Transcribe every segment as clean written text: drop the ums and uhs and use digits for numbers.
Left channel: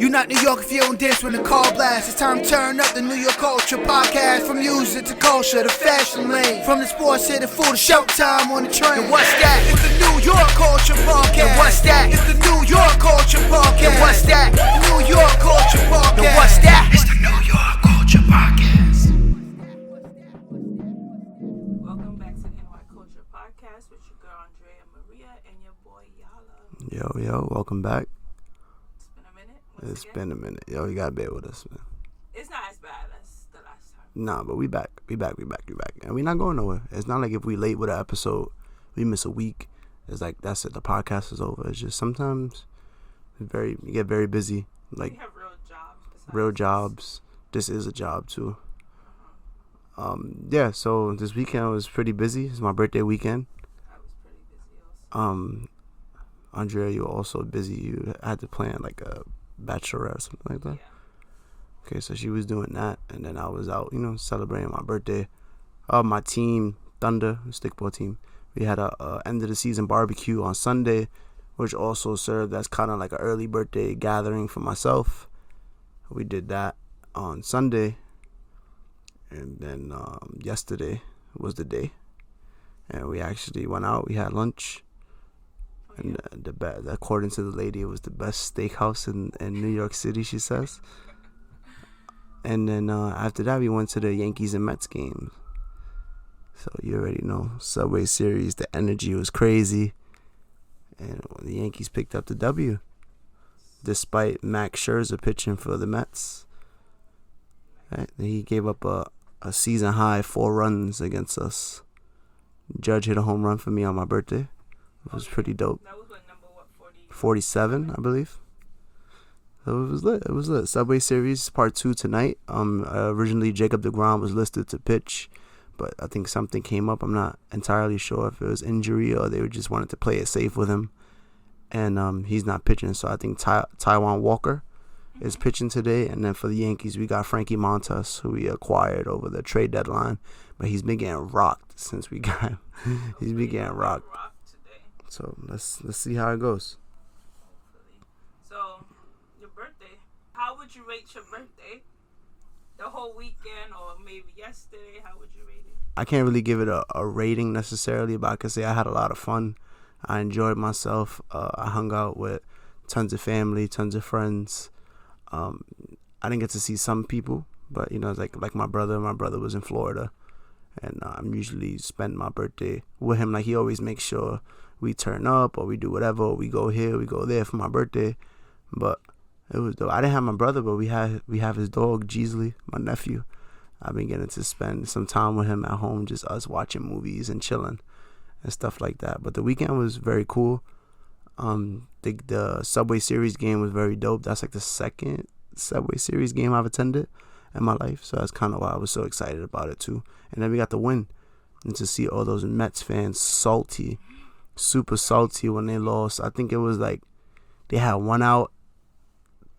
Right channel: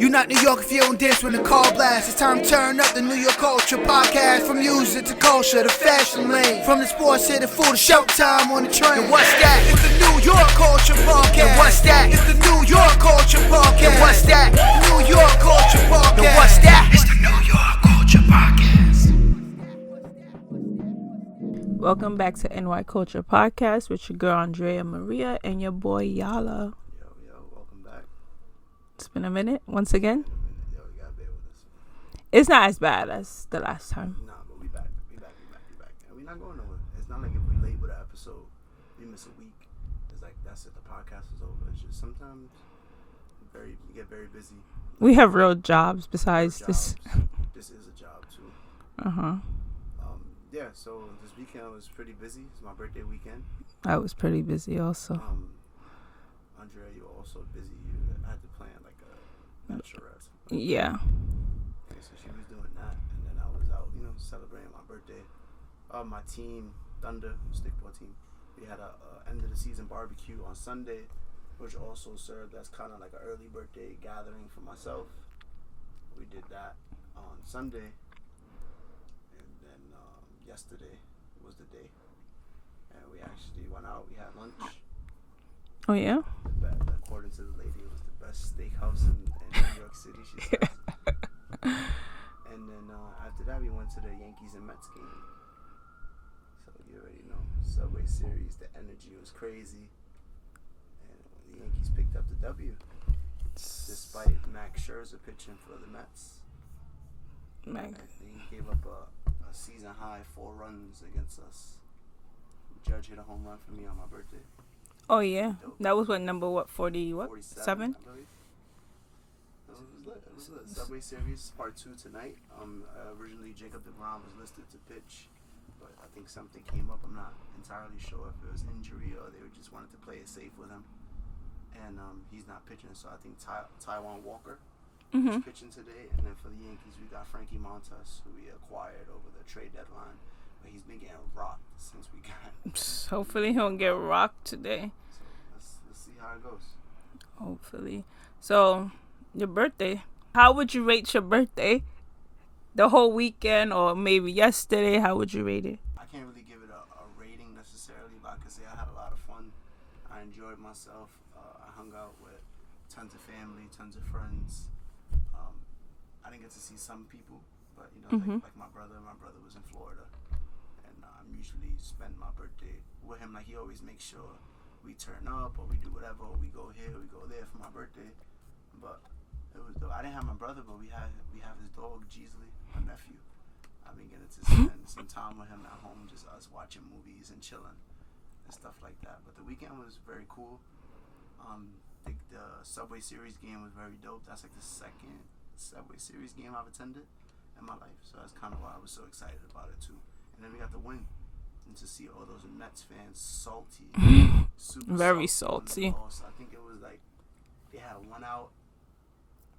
You not New York if you don't dance when the call blasts. It's time to turn up the New York culture podcast. From music to culture to fashion lane. From the sports to the food to showtime on the train. And what's that? It's the New York culture podcast. And what's that? It's the New York culture podcast. And what's that? New York culture podcast. And what's that? It's the New York culture podcast. Welcome back to NY Culture Podcast with your girl Andrea Maria and your boy Yala. Yo, welcome back. It's been a minute It's been a minute. Yo, you gotta bear with us, man. It's not as bad as the last time. Nah, but we back. And we not going nowhere. It's not like if we late with an episode, we miss a week. It's like, that's it. The podcast is over. It's just sometimes you get very busy. Like, we have real jobs besides real jobs. This is a job, too. Yeah, so this weekend was pretty busy. It's my birthday weekend. I was pretty busy also. Andrea, you were also busy. You had to plan like a bachelorette or something like that. Yeah. Okay, so she was doing that, and then I was out, celebrating my birthday. My team, Thunder, stickball team, we had a end of the season barbecue on Sunday, which also served as kind of like an early birthday gathering for myself. We did that on Sunday, and then yesterday was the day, and we actually went out. We had lunch. Oh, yeah? According to the lady, it was the best steakhouse in New York City, she says. And then after that, we went to the Yankees and Mets games. So you already know, Subway Series, the energy was crazy. And the Yankees picked up the W, despite Max Scherzer pitching for the Mets. Right? He gave up a season-high 4 runs against us. Judge hit a home run for me on my birthday. It was pretty dope. That was number 47, I believe. So it was lit. Subway Series Part 2 tonight. Originally Jacob deGrom was listed to pitch, but I think something came up. I'm not entirely sure if it was injury or they just wanted to play it safe with him. And he's not pitching, so I think Taijuan Walker is pitching today. And then for the Yankees, we got Frankie Montas, who we acquired over the trade deadline. But he's been getting rocked since we got him. Hopefully he'll get rocked today. So let's see how it goes. Hopefully. So your birthday. How would you rate your birthday? The whole weekend or maybe yesterday? How would you rate it? I can't really give it a rating necessarily, but I can say I had a lot of fun. I enjoyed myself. I hung out with tons of family, tons of friends. I didn't get to see some people, but like my brother. My brother was in Florida. And I'm usually spend my birthday with him. Like, he always makes sure we turn up or we do whatever. Or we go here, we go there for my birthday. But it was dope. I didn't have my brother, but we have his dog, Jeesley, my nephew. I've been getting to spend some time with him at home, just us watching movies and chilling and stuff like that. But the weekend was very cool. The Subway Series game was very dope. That's like the second Subway Series game I've attended in my life. So that's kind of why I was so excited about it, too. And then we got the win. And to see all those Mets fans salty, super salty when they lost. I think it was like they had one out,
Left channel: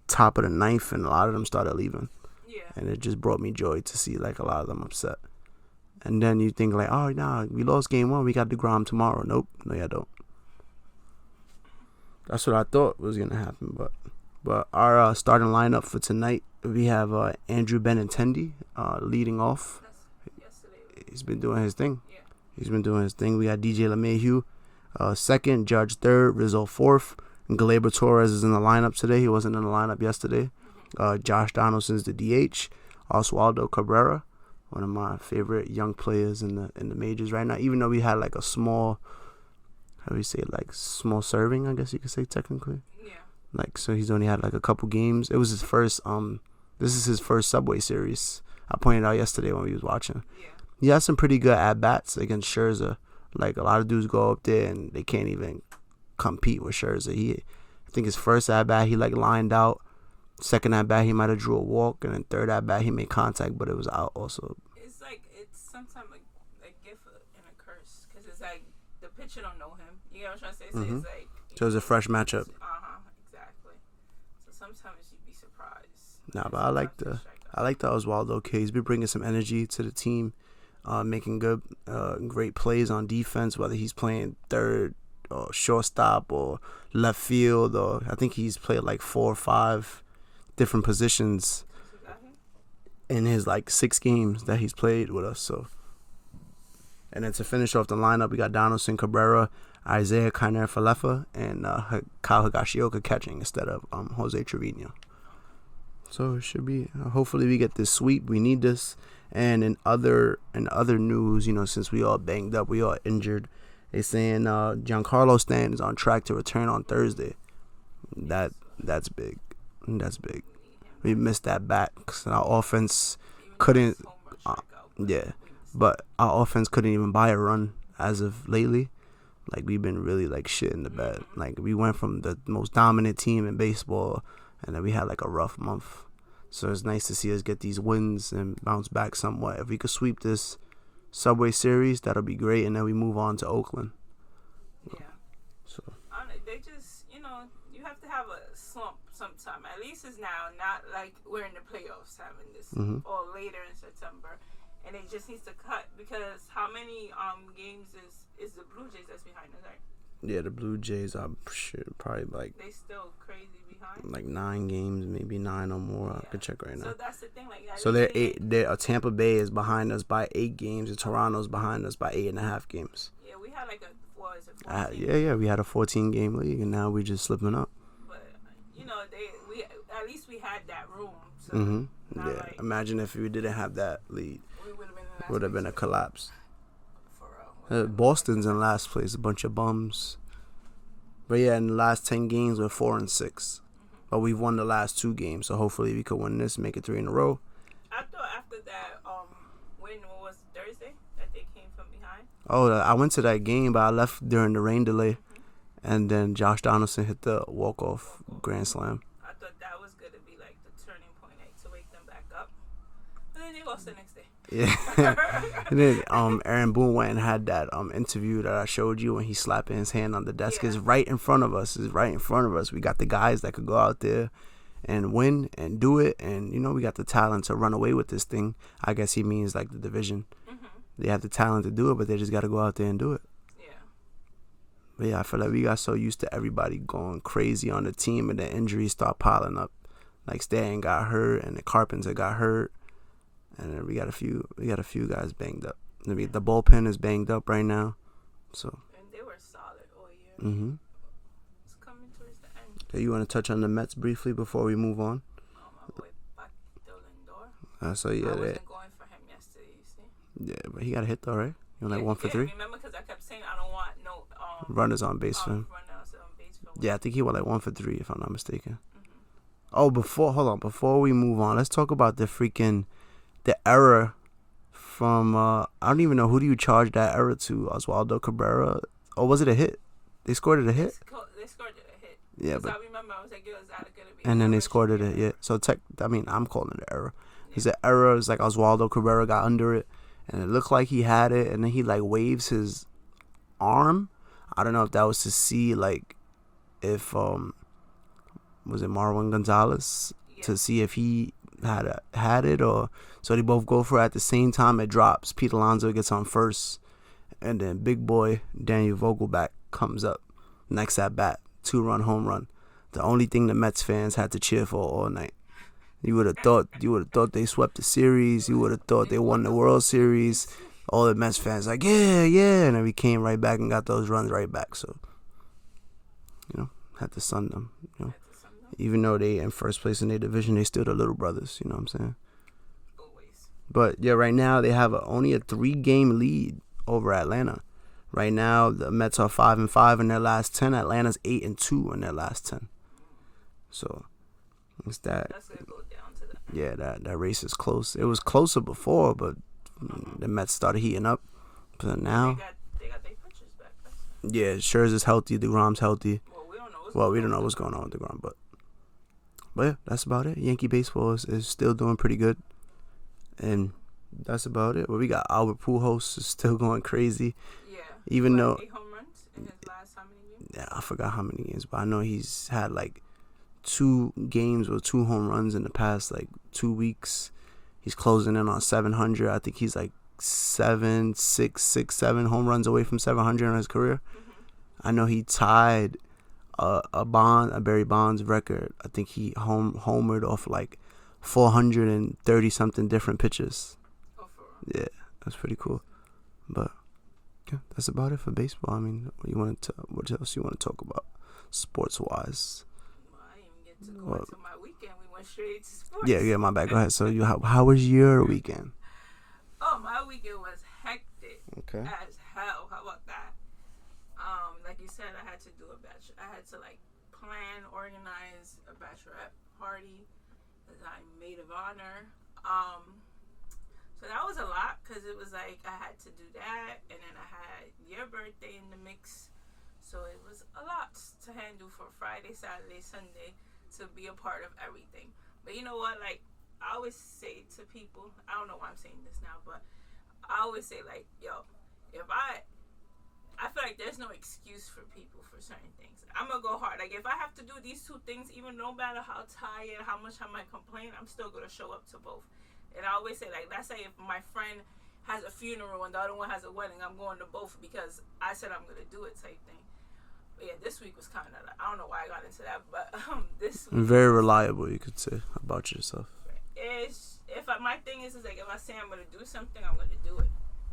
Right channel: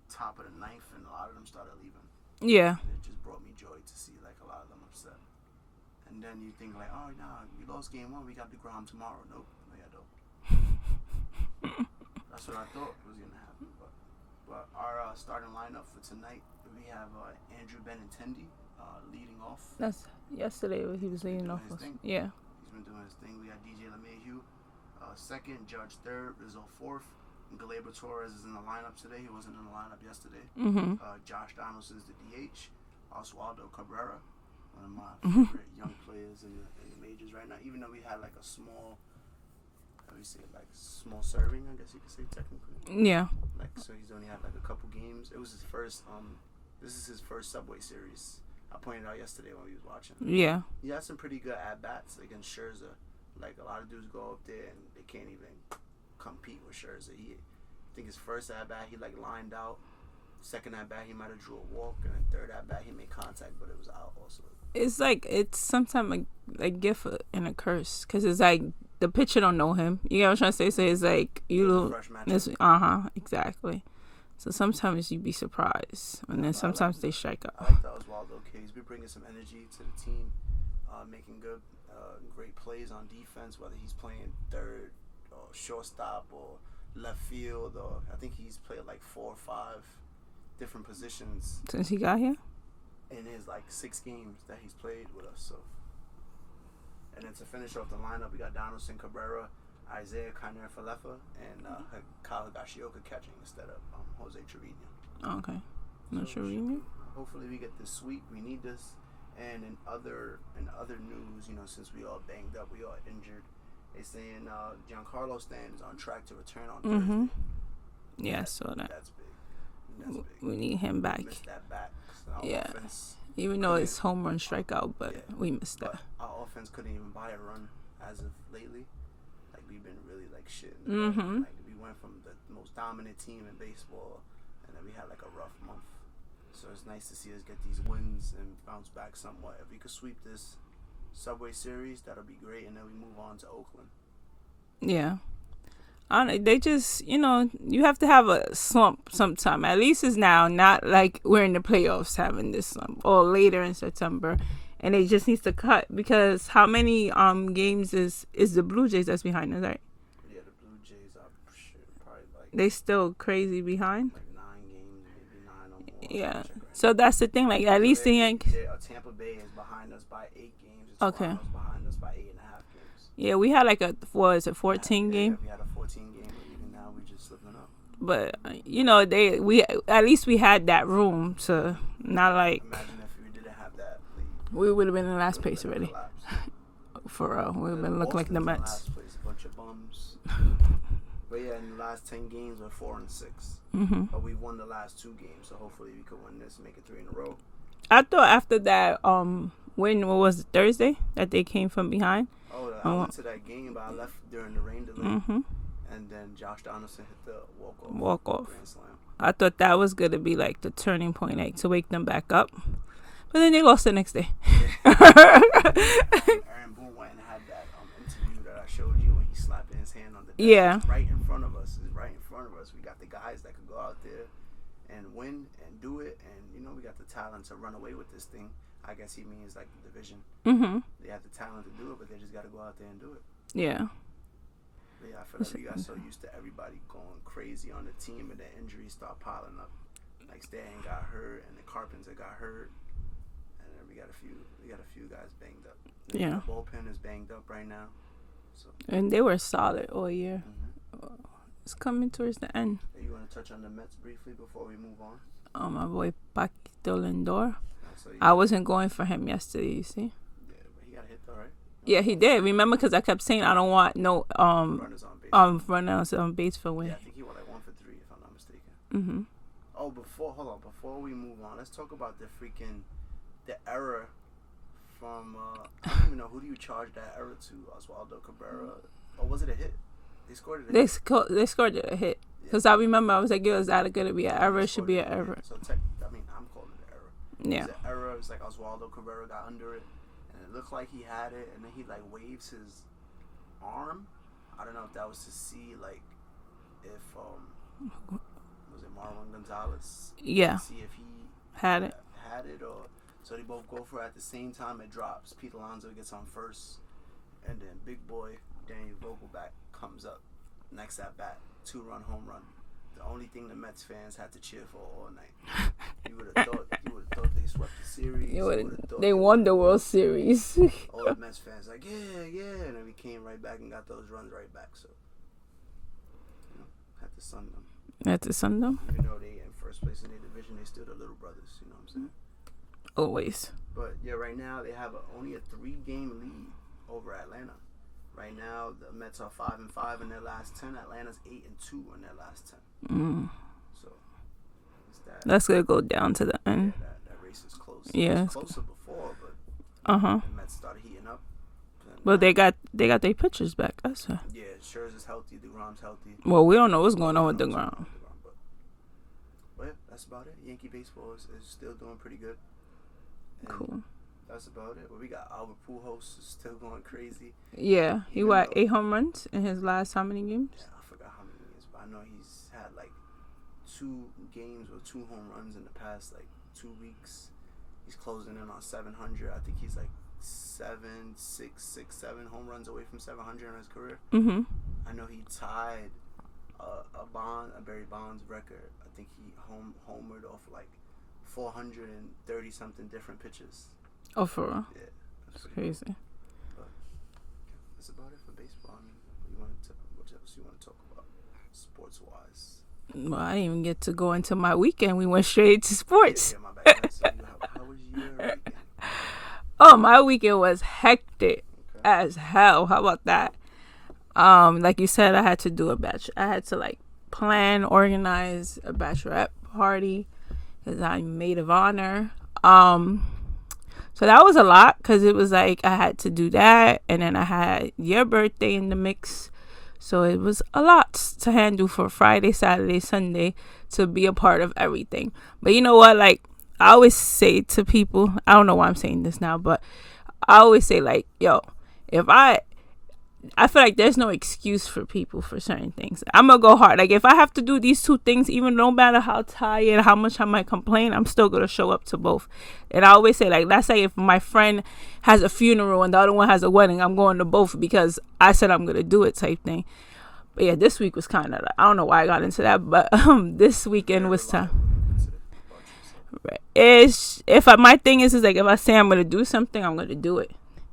top of the ninth, and a lot of them started leaving. Yeah. And it just brought me joy to see like a lot of them upset. And then you think like, oh, nah, we lost game 1. We got DeGrom tomorrow. Nope. No, y'all don't. That's what I thought was going to happen. But our starting lineup for tonight, we have Andrew Benintendi leading off. That's yesterday. He's been doing his thing. Yeah. He's been doing his thing. We got DJ LeMahieu second, Judge third, Rizzo fourth. And Gleyber Torres is in the lineup today. He wasn't in the lineup yesterday. Josh Donaldson's the DH. Oswaldo Cabrera, one of my favorite young players in the majors right now. Even though we had like a small, small serving, I guess you could say technically. Yeah. Like, so he's only had like a couple games. It was his first. This is his first Subway Series. I pointed out yesterday when we was watching. Yeah. He had some pretty good at-bats against Scherzer. Like, a lot of dudes go up there and they can't even compete with Scherzer. I think his first at-bat, he, lined out. Second at-bat, he might have drew a walk. And then third at-bat, he made contact, but it was out also. It's sometimes a gift and a curse. Because it's like the pitcher don't know him. You know what I'm trying to say? So it's like... So it's a fresh matchup. Exactly. So sometimes you'd be surprised. And then sometimes they strike out. I like the Oswaldo kid. He's been bringing some energy to the team, making great plays on defense, whether he's playing third or shortstop or left field. Or I think he's played like 4 or 5 different positions Since he got here? in his like 6 games that he's played with us. So, and then to finish off the lineup, we got Donaldson, Cabrera, Isaiah Kainer-Falefa, and Kyle Higashioka catching instead of Jose Trevino. Okay. So it should be. Hopefully, we get this sweep. We need this. And in other news, you know, since we all banged up, we all injured, they saying Giancarlo Stanton is on track to return on Thursday. Yeah, I saw that. That's big. That's big. We need him back. We missed that bat because our offense even though couldn't. it's home run strikeout, but we missed. But our offense couldn't even buy a run as of lately. Like, we've been really like shit in the bed. Like, we went from the most dominant team in baseball, and then we had like a rough month. So it's nice to see us get these wins and bounce back somewhat. If we could sweep this Subway Series, that'll be great, and then we move on to Oakland. Yeah. So they just, you know, you have to have a slump sometime. At least it's now, not like we're in the playoffs having this slump or later in September. And it just needs to cut because how many games is the Blue Jays that's behind us, right? yeah, the Blue Jays are probably like They still crazy behind. like 9 games, maybe 9 or more. Yeah. I can check right So now. that's the thing. Like at least Tampa Bay is behind us by 8 games, and Toronto's behind us by 8.5 games. Yeah, we had like a 14 game. Yeah, we had a 14 game league, and now we're just slipping up. But you know, we at least we had that room to not like. Imagine if we didn't have that lead. We would have been in last Would place. have been a collapse. For real. Boston's in last place, a bunch of bums. But yeah, in the last 10 games, we're 4-6. But we've won the last 2 games, so hopefully we could win this, make it 3 in a row. I thought after that, when what was it, Thursday that they came from behind? I went to that game, but I left during the rain delay. And then Josh Donaldson hit the walk-off grand slam. I thought that was going to be like the turning point, like to wake them back up. But then they lost the next day. Yeah. And then Aaron Boone went and had that interview that I showed you when he's slapping his hand on the desk. Yeah. It's right in front of us. We got the guys that could go out there and win and do it. And, you know, we got the talent to run away with this thing. I guess he means like the division. They have the talent to do it, but they just got to go out there and do it. Yeah. But yeah, I feel like we got so used to everybody going crazy on the team, and the injuries start piling up. Like Stanton got hurt, and the Carpenter got hurt, and then we got a few guys banged up. The bullpen is banged up right now, so. And they were solid all year. It's coming towards the end. So you want to touch on the Mets briefly before we move on? My boy Paquito Lindor. So I wasn't going for him yesterday. You see? Yeah, but he got a hit though, right? Yeah, he did. Remember, because I kept saying I don't want no runners on base. Runners on base for win. Yeah, I think he went like 1 for 3 if I'm not mistaken. Oh, before we move on, let's talk about the error from I don't even know, who do you charge that error to? Oswaldo Cabrera, or was it a hit? They scored it a hit. They scored it a hit. Because I remember I was like, is that going to be an error? error? And they scored it an error. So I'm calling it an error. Yeah. It's an error. It's like Oswaldo Cabrera got under it, and it looked like he had it, and then he like waves his arm. I don't know if that was to see like if was it Marwin Gonzalez? Yeah. To see if he had it, or so they both go for it at the same time. It drops. Pete Alonso gets on first, and then big boy Daniel Vogelback comes up next at bat, 2-run home run. The only thing the Mets fans had to cheer for all night. You would have thought they swept the series. You would have thought they won the World Series. All the Mets fans like, yeah, and then we came right back and got those runs right back. So, you know, had to sun them. Had to sun them. Even though they in first place in their division, they still the little brothers. You know what I'm saying? Always. But yeah, right now they have only a 3-game lead over Atlanta. Right now, the Mets are 5-5 in their last 10. Atlanta's 8-2 in their last 10. So, it's that. That's gonna go down to the end. Yeah, that race is close. Yeah. It was closer before, but the Mets started heating up. But they got their pitchers back. That's right. Yeah, Scherzer's healthy. DeGrom's healthy. Well, we don't know what's going on with DeGrom, but yeah, that's about it. Yankee baseball is still doing pretty good, and. Cool. That's about it. Well, we got Albert Pujols is still going crazy. Yeah. Even though 8 home runs in his last how many games? Yeah, I forgot how many games, but I know he's had like 2 games with 2 home runs in the past like 2 weeks. He's closing in on 700. I think he's like 7 home runs away from 700 in his career. I know he tied a Barry Bonds record. I think he homered off like 430 something different pitches. Oh, for real? Yeah, that's pretty cool. But yeah, that's about it for baseball. I mean, what else you want to talk about sports wise? Well, I didn't even get to go into my weekend. We went straight to sports. Yeah, my bad. Go ahead. So how was your weekend? Oh, my weekend was hectic as hell. How about that? Like you said, I had to do I had to like plan, organize a bachelorette party because I'm maid of honor. So that was a lot because it was like I had to do that, and then I had your birthday in the mix. So it was a lot to handle for Friday, Saturday, Sunday to be a part of everything. But you know what? Like, I always say to people, I don't know why I'm saying this now, but I always say, like, yo, if I feel like there's no excuse for people for certain things. I'm going to go hard. Like, if I have to do these two things, even no matter how tired, how much I might complain, I'm still going to show up to both. And I always say, like, let's say if my friend has a funeral and the other one has a wedding, I'm going to both because I said I'm going to do it type thing. But yeah, this week was kind of, I don't know why I got into that, but this weekend very was reliable, you could say, about yourself. Right. My thing is like, if I say I'm going to do something, I'm going to do it.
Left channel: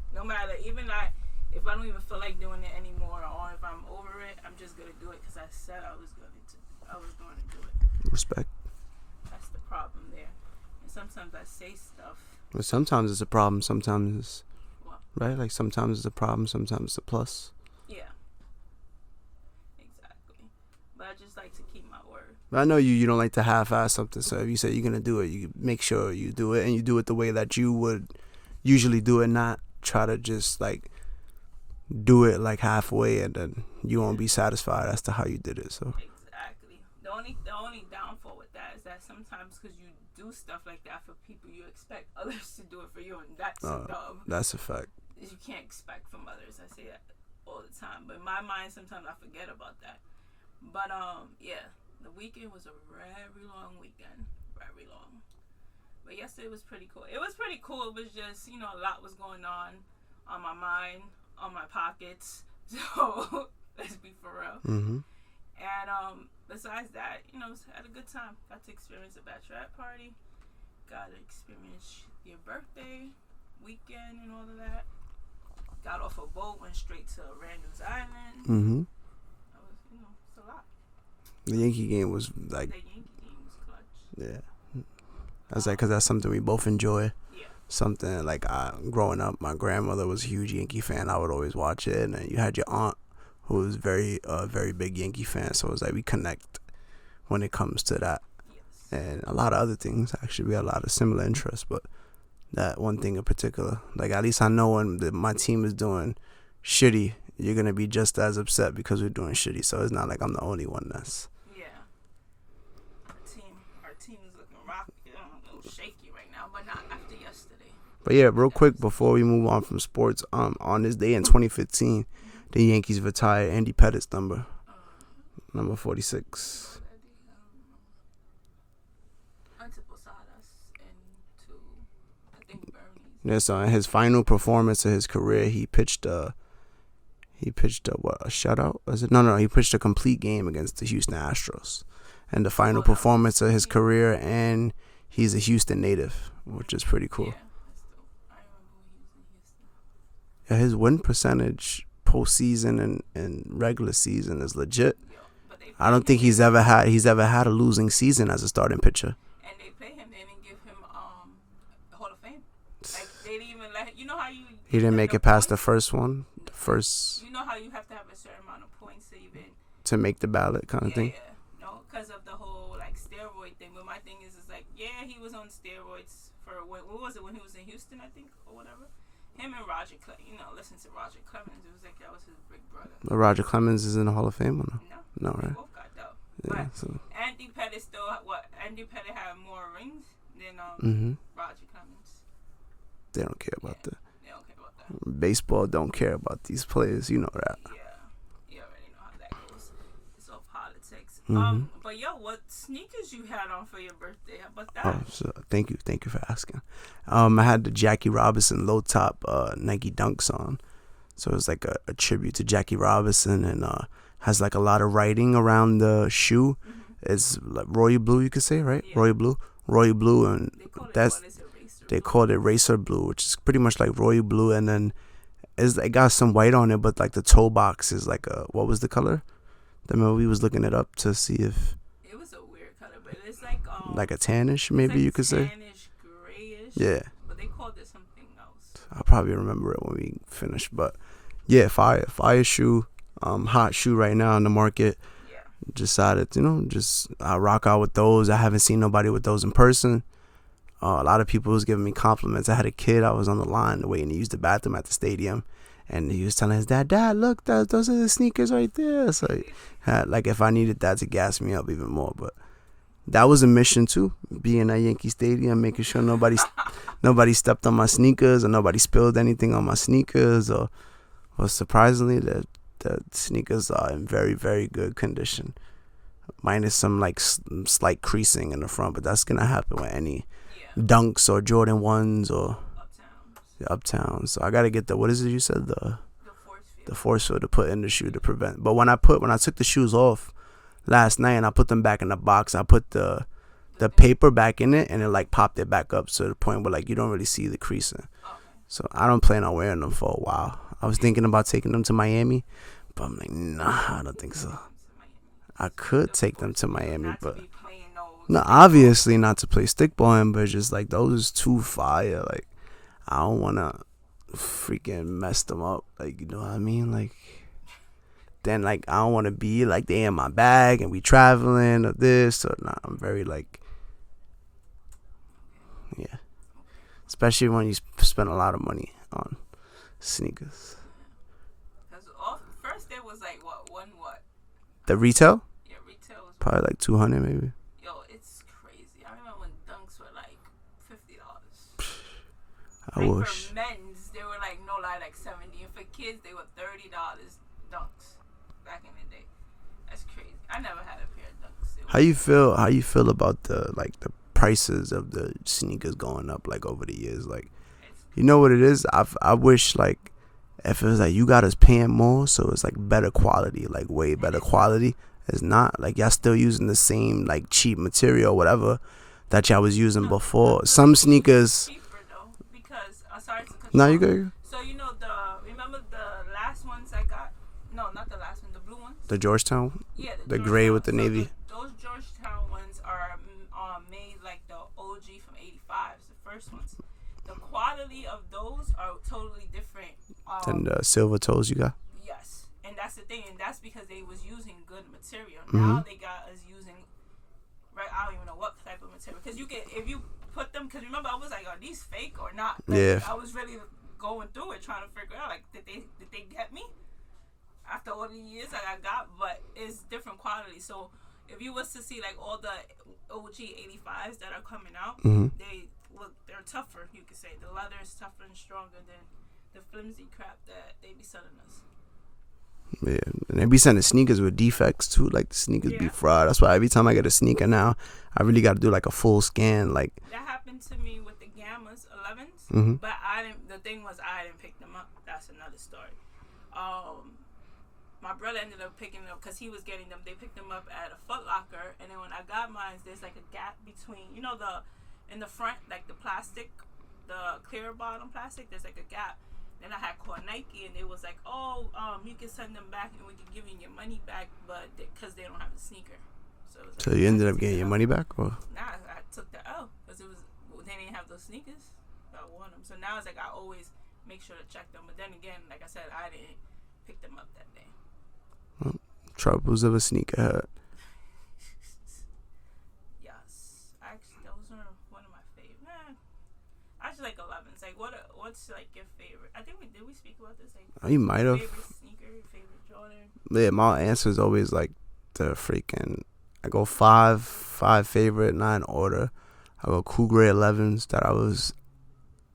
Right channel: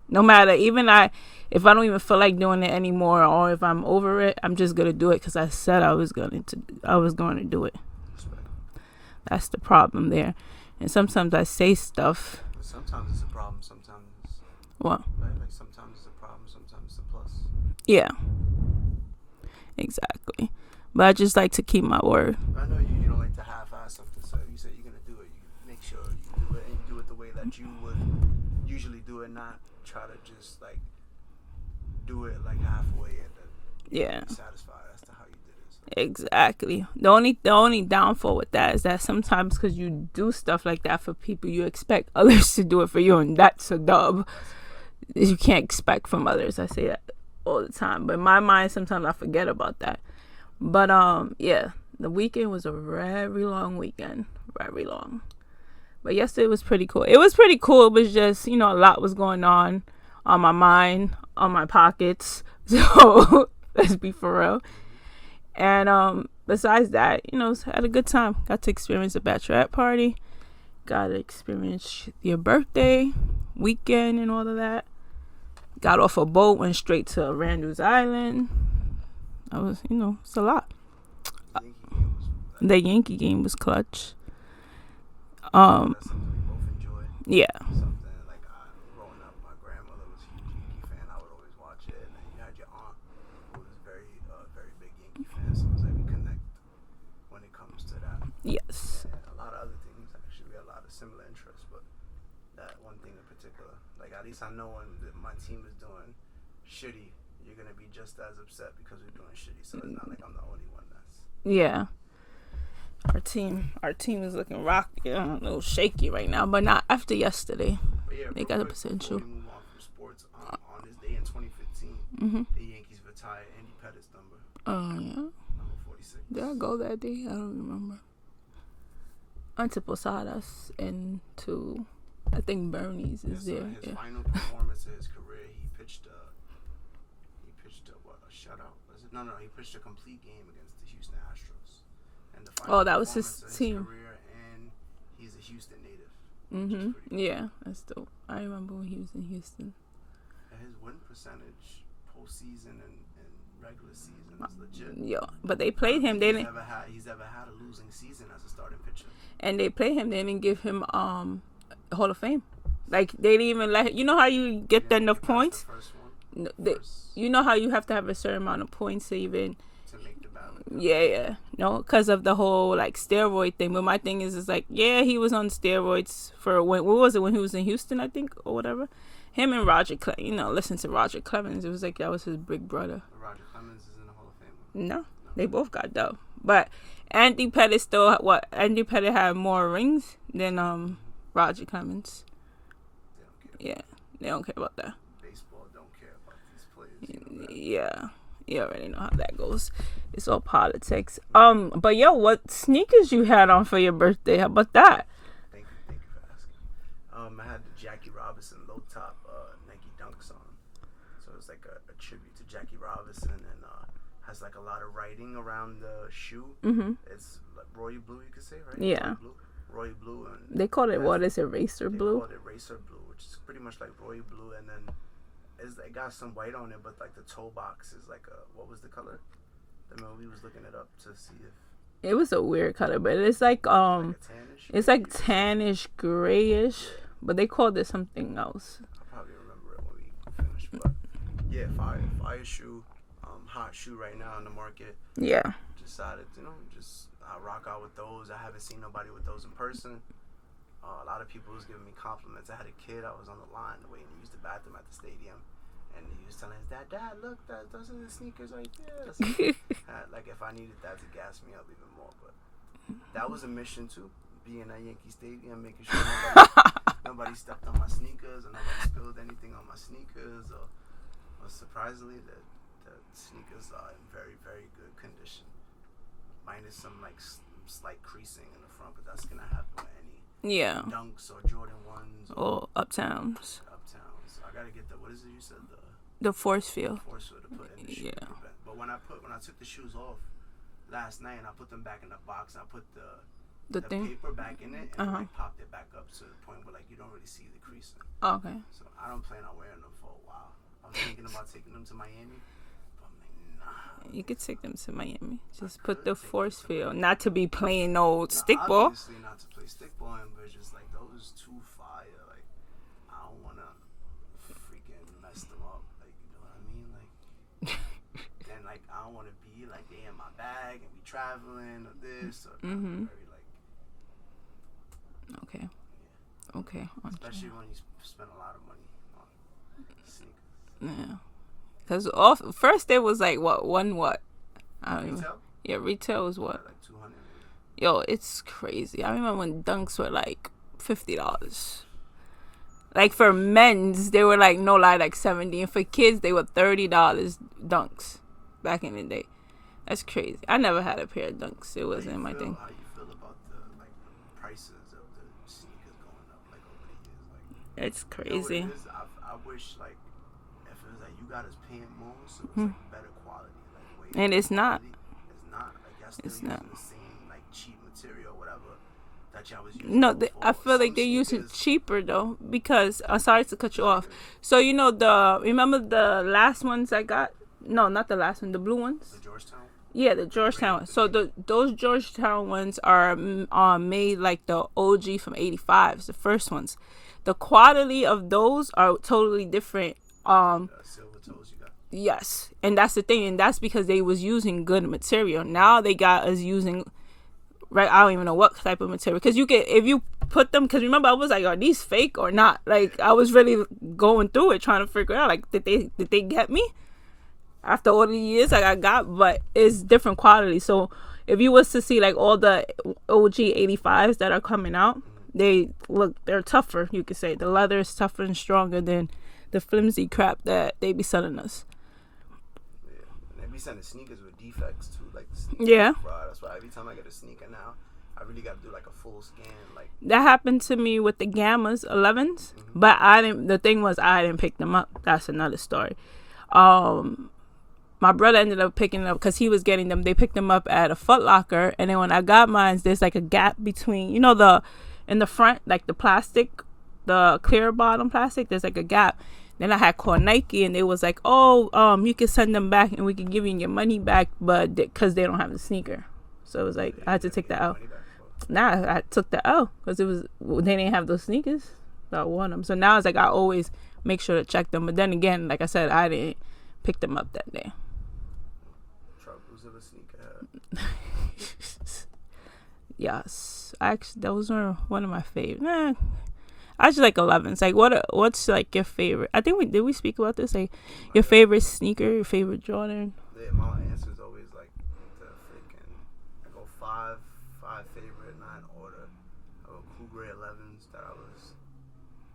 No matter, if I don't even feel like doing it anymore, or if I'm over it, I'm just gonna do it because I said I was going to do it. Respect. That's the problem there. And sometimes I say stuff. Well, sometimes it's a problem. Sometimes it's what? Right. Like sometimes it's a problem. Sometimes it's a plus. Yeah. Exactly. But I just like to keep my word. I know you don't like to half-ass something. So if you say you're gonna do it, you make sure you do it, and you do it the way that you would usually do it, not try to just like do it like halfway and then you won't be satisfied as to how you did it. So exactly. The only downfall with that is that sometimes because you do stuff like that for people, you expect others to do it for you, and that's a dub. That's a fact. You can't expect from others. I say that all the time, but in my mind sometimes I forget about that. But yeah, the weekend was a very long weekend, very long. But yesterday was pretty cool. It was pretty cool. It was just, a lot was going on my mind, on my pockets. So let's be for real. Mm-hmm. And besides that, had a good time. Got to experience a bachelorette party. Got to experience your birthday, weekend, and all of that. Got off a boat, went straight to Randall's Island. Mm-hmm. I was, it's a lot. The Yankee game was like... The Yankee game was clutch. Yeah. Because that's something we both enjoy. Yeah. Something like growing up, my grandmother was a huge Yankee fan. I would always watch it. And then you had your aunt who was very big Yankee fan. So it was like we connect when it comes to that. Yes. And a lot of other things. Actually, we had a lot of similar interests. But that one thing in particular, like at least I know when my team is doing shitty, you're going to be just as upset because we're doing shitty. So it's not like I'm the only one that's... Yeah. Our team is looking rocky, a little shaky right now, but not after yesterday. But yeah, real quick before we move on from sports, on this day in 2015, the Yankees retired Andy Pettitte number. Oh yeah. Number 46. Did I go that day? I don't remember. I went to Posadas and to, I think, Bernie's. Yeah, so in his final performance of his career, he pitched a shutout? Was it? No, he pitched a complete game against the Houston Astros. And the final performance of his career, and he's a Houston native, which is pretty cool. Yeah, that's dope. I remember when he was in Houston. Yeah, his win percentage postseason and regular season is legit. Yeah, but they played I don't him, think he's ever had a losing season as a starting pitcher. And they played him. They didn't give him Hall of Fame. Like they didn't even let. You know how you get he didn't make it points? past the first one. You know how you have to have a certain amount of points to even. To make the ballot kind of thing? Yeah. No, because of the whole, like, steroid thing. But my thing is like, yeah, he was on steroids for when he was in Houston, I think, or whatever. Him and Roger Clemens, listen to Roger Clemens. It was like that was his big brother. But Roger Clemens is in the Hall of Fame or no? No, they right? both got dope. But Andy Pettitte Andy Pettitte had more rings than Roger Clemens. They don't care about that. They don't care about that. Baseball don't care about these players, you know that. Yeah. You already know how that goes. It's all politics. But yo, what sneakers you had on for your birthday? How about that? Thank you for asking. I had the Jackie Robinson low top Nike Dunks on, so it was like a tribute to Jackie Robinson, and has like a lot of writing around the shoe. It's like royal blue, you could say, right? Yeah. Royal blue, and They call it, what is it, racer blue? they called it racer blue, which is pretty much like royal blue, and then it got some white on it, but like the toe box is like what was the color? Remember we was looking it up to see if it was a weird color, but it's like a tannish, maybe it's like you could say. tannish, grayish. Yeah. But they called it something else. I'll probably remember it when we finish, but yeah, fire shoe, hot shoe right now in the market. Yeah. Decided, I rock out with those. I haven't seen nobody with those in person. A lot of people was giving me compliments. I had a kid. I was on the line waiting to use the bathroom at the stadium, and he was telling his dad, look, those are the sneakers right there. So like if I needed that to gas me up even more. But that was a mission too, being at Yankee Stadium, making sure nobody stepped on my sneakers or nobody spilled anything on my sneakers. Or surprisingly, the sneakers are in very, very good condition, minus some like slight creasing in the front, but that's gonna happen with any Dunks or Jordan 1s or Uptowns. So I gotta get what is it you said, the force field to put in the shoe to prevent. But when I took the shoes off last night and I put them back in the box, I put the paper back in it, and it like popped it back up to the point where like you don't really see the creasing. Okay. So I don't plan on wearing them for a while. I was thinking about taking them to Miami, but I'm like, nah, I don't think so. You could take them to Miami. I could take them to Miami. Not to be playing no stickball. Obviously not to play stickball, but just like those is too fire. Like I don't want to freaking mess them up. Like, you know what I mean? Like then like I don't want to be like they in my bag and we traveling or this or nah. I'm very like okay. Especially when you spend a lot of money on sneakers. Yeah. Because first it was like what? The retail? Yeah, retail was probably like $200 maybe. Yo, it's crazy. I remember when Dunks were like $50. Like for men's, they were like no lie like $70, and for kids they were $30 Dunks back in the day. That's crazy. I never had a pair of Dunks. How you feel about the prices of the sneakers going up like over the years? Like it's crazy. You know what it is? I wish like if it was like you got us paying more, so it's like better quality, like way better quality. It's not like y'all still using the same like cheap material or whatever that y'all was using before. Some like sneakers cheaper though, because sorry to cut you off. So remember the last ones I got? No, not the last one. The blue ones. The Georgetown. Yeah, the Georgetown. Gray with the navy. Those Georgetown ones are made like the OG from '85s, the first ones. The quality of those are totally different. And the silver toes you got? Yes, and that's the thing, and that's because they was using good material. Now they got us using, right? I don't even know what type of material, because if you put them, because remember I was like, are these fake or not? Like I was really going through it trying to figure out like did they get me after all the years like I got, but it's different quality. So if you was to see like all the OG 85s that are coming out, they're tougher. You could say the leather is tougher and stronger than the flimsy crap that they be selling us. Yeah, and they be sending sneakers with defects too. Like the sneakers be fraud. That's why every time I get a sneaker now, I really got to do like a full scan. Like that happened to me with the Gammas 11s, but the thing was I didn't pick them up. That's another story. My brother ended up picking them up because he was getting them. They picked them up at a Foot Locker, and then when I got mine, there's like a gap between, in the front, like the plastic, the clear bottom plastic. There's like a gap. Then I had called Nike, and they was like, you can send them back, and we can give you your money back, but because they don't have the sneaker. So it was like, so you ended up getting your money back? Or? Nah, I took the L because they didn't have those sneakers. So I won them. So now it's like I always make sure to check them. But then again, like I said, I didn't pick them up that day. Troubles of a sneakerhead. Yes, actually, those were one of my favorites. I just like 11s. Like, what's like your favorite? I think did we speak about this? Like, your favorite sneaker, your favorite Jordan? Yeah, my answer is always like the freaking. I go five favorite, 9 order. I go cool gray 11s that I was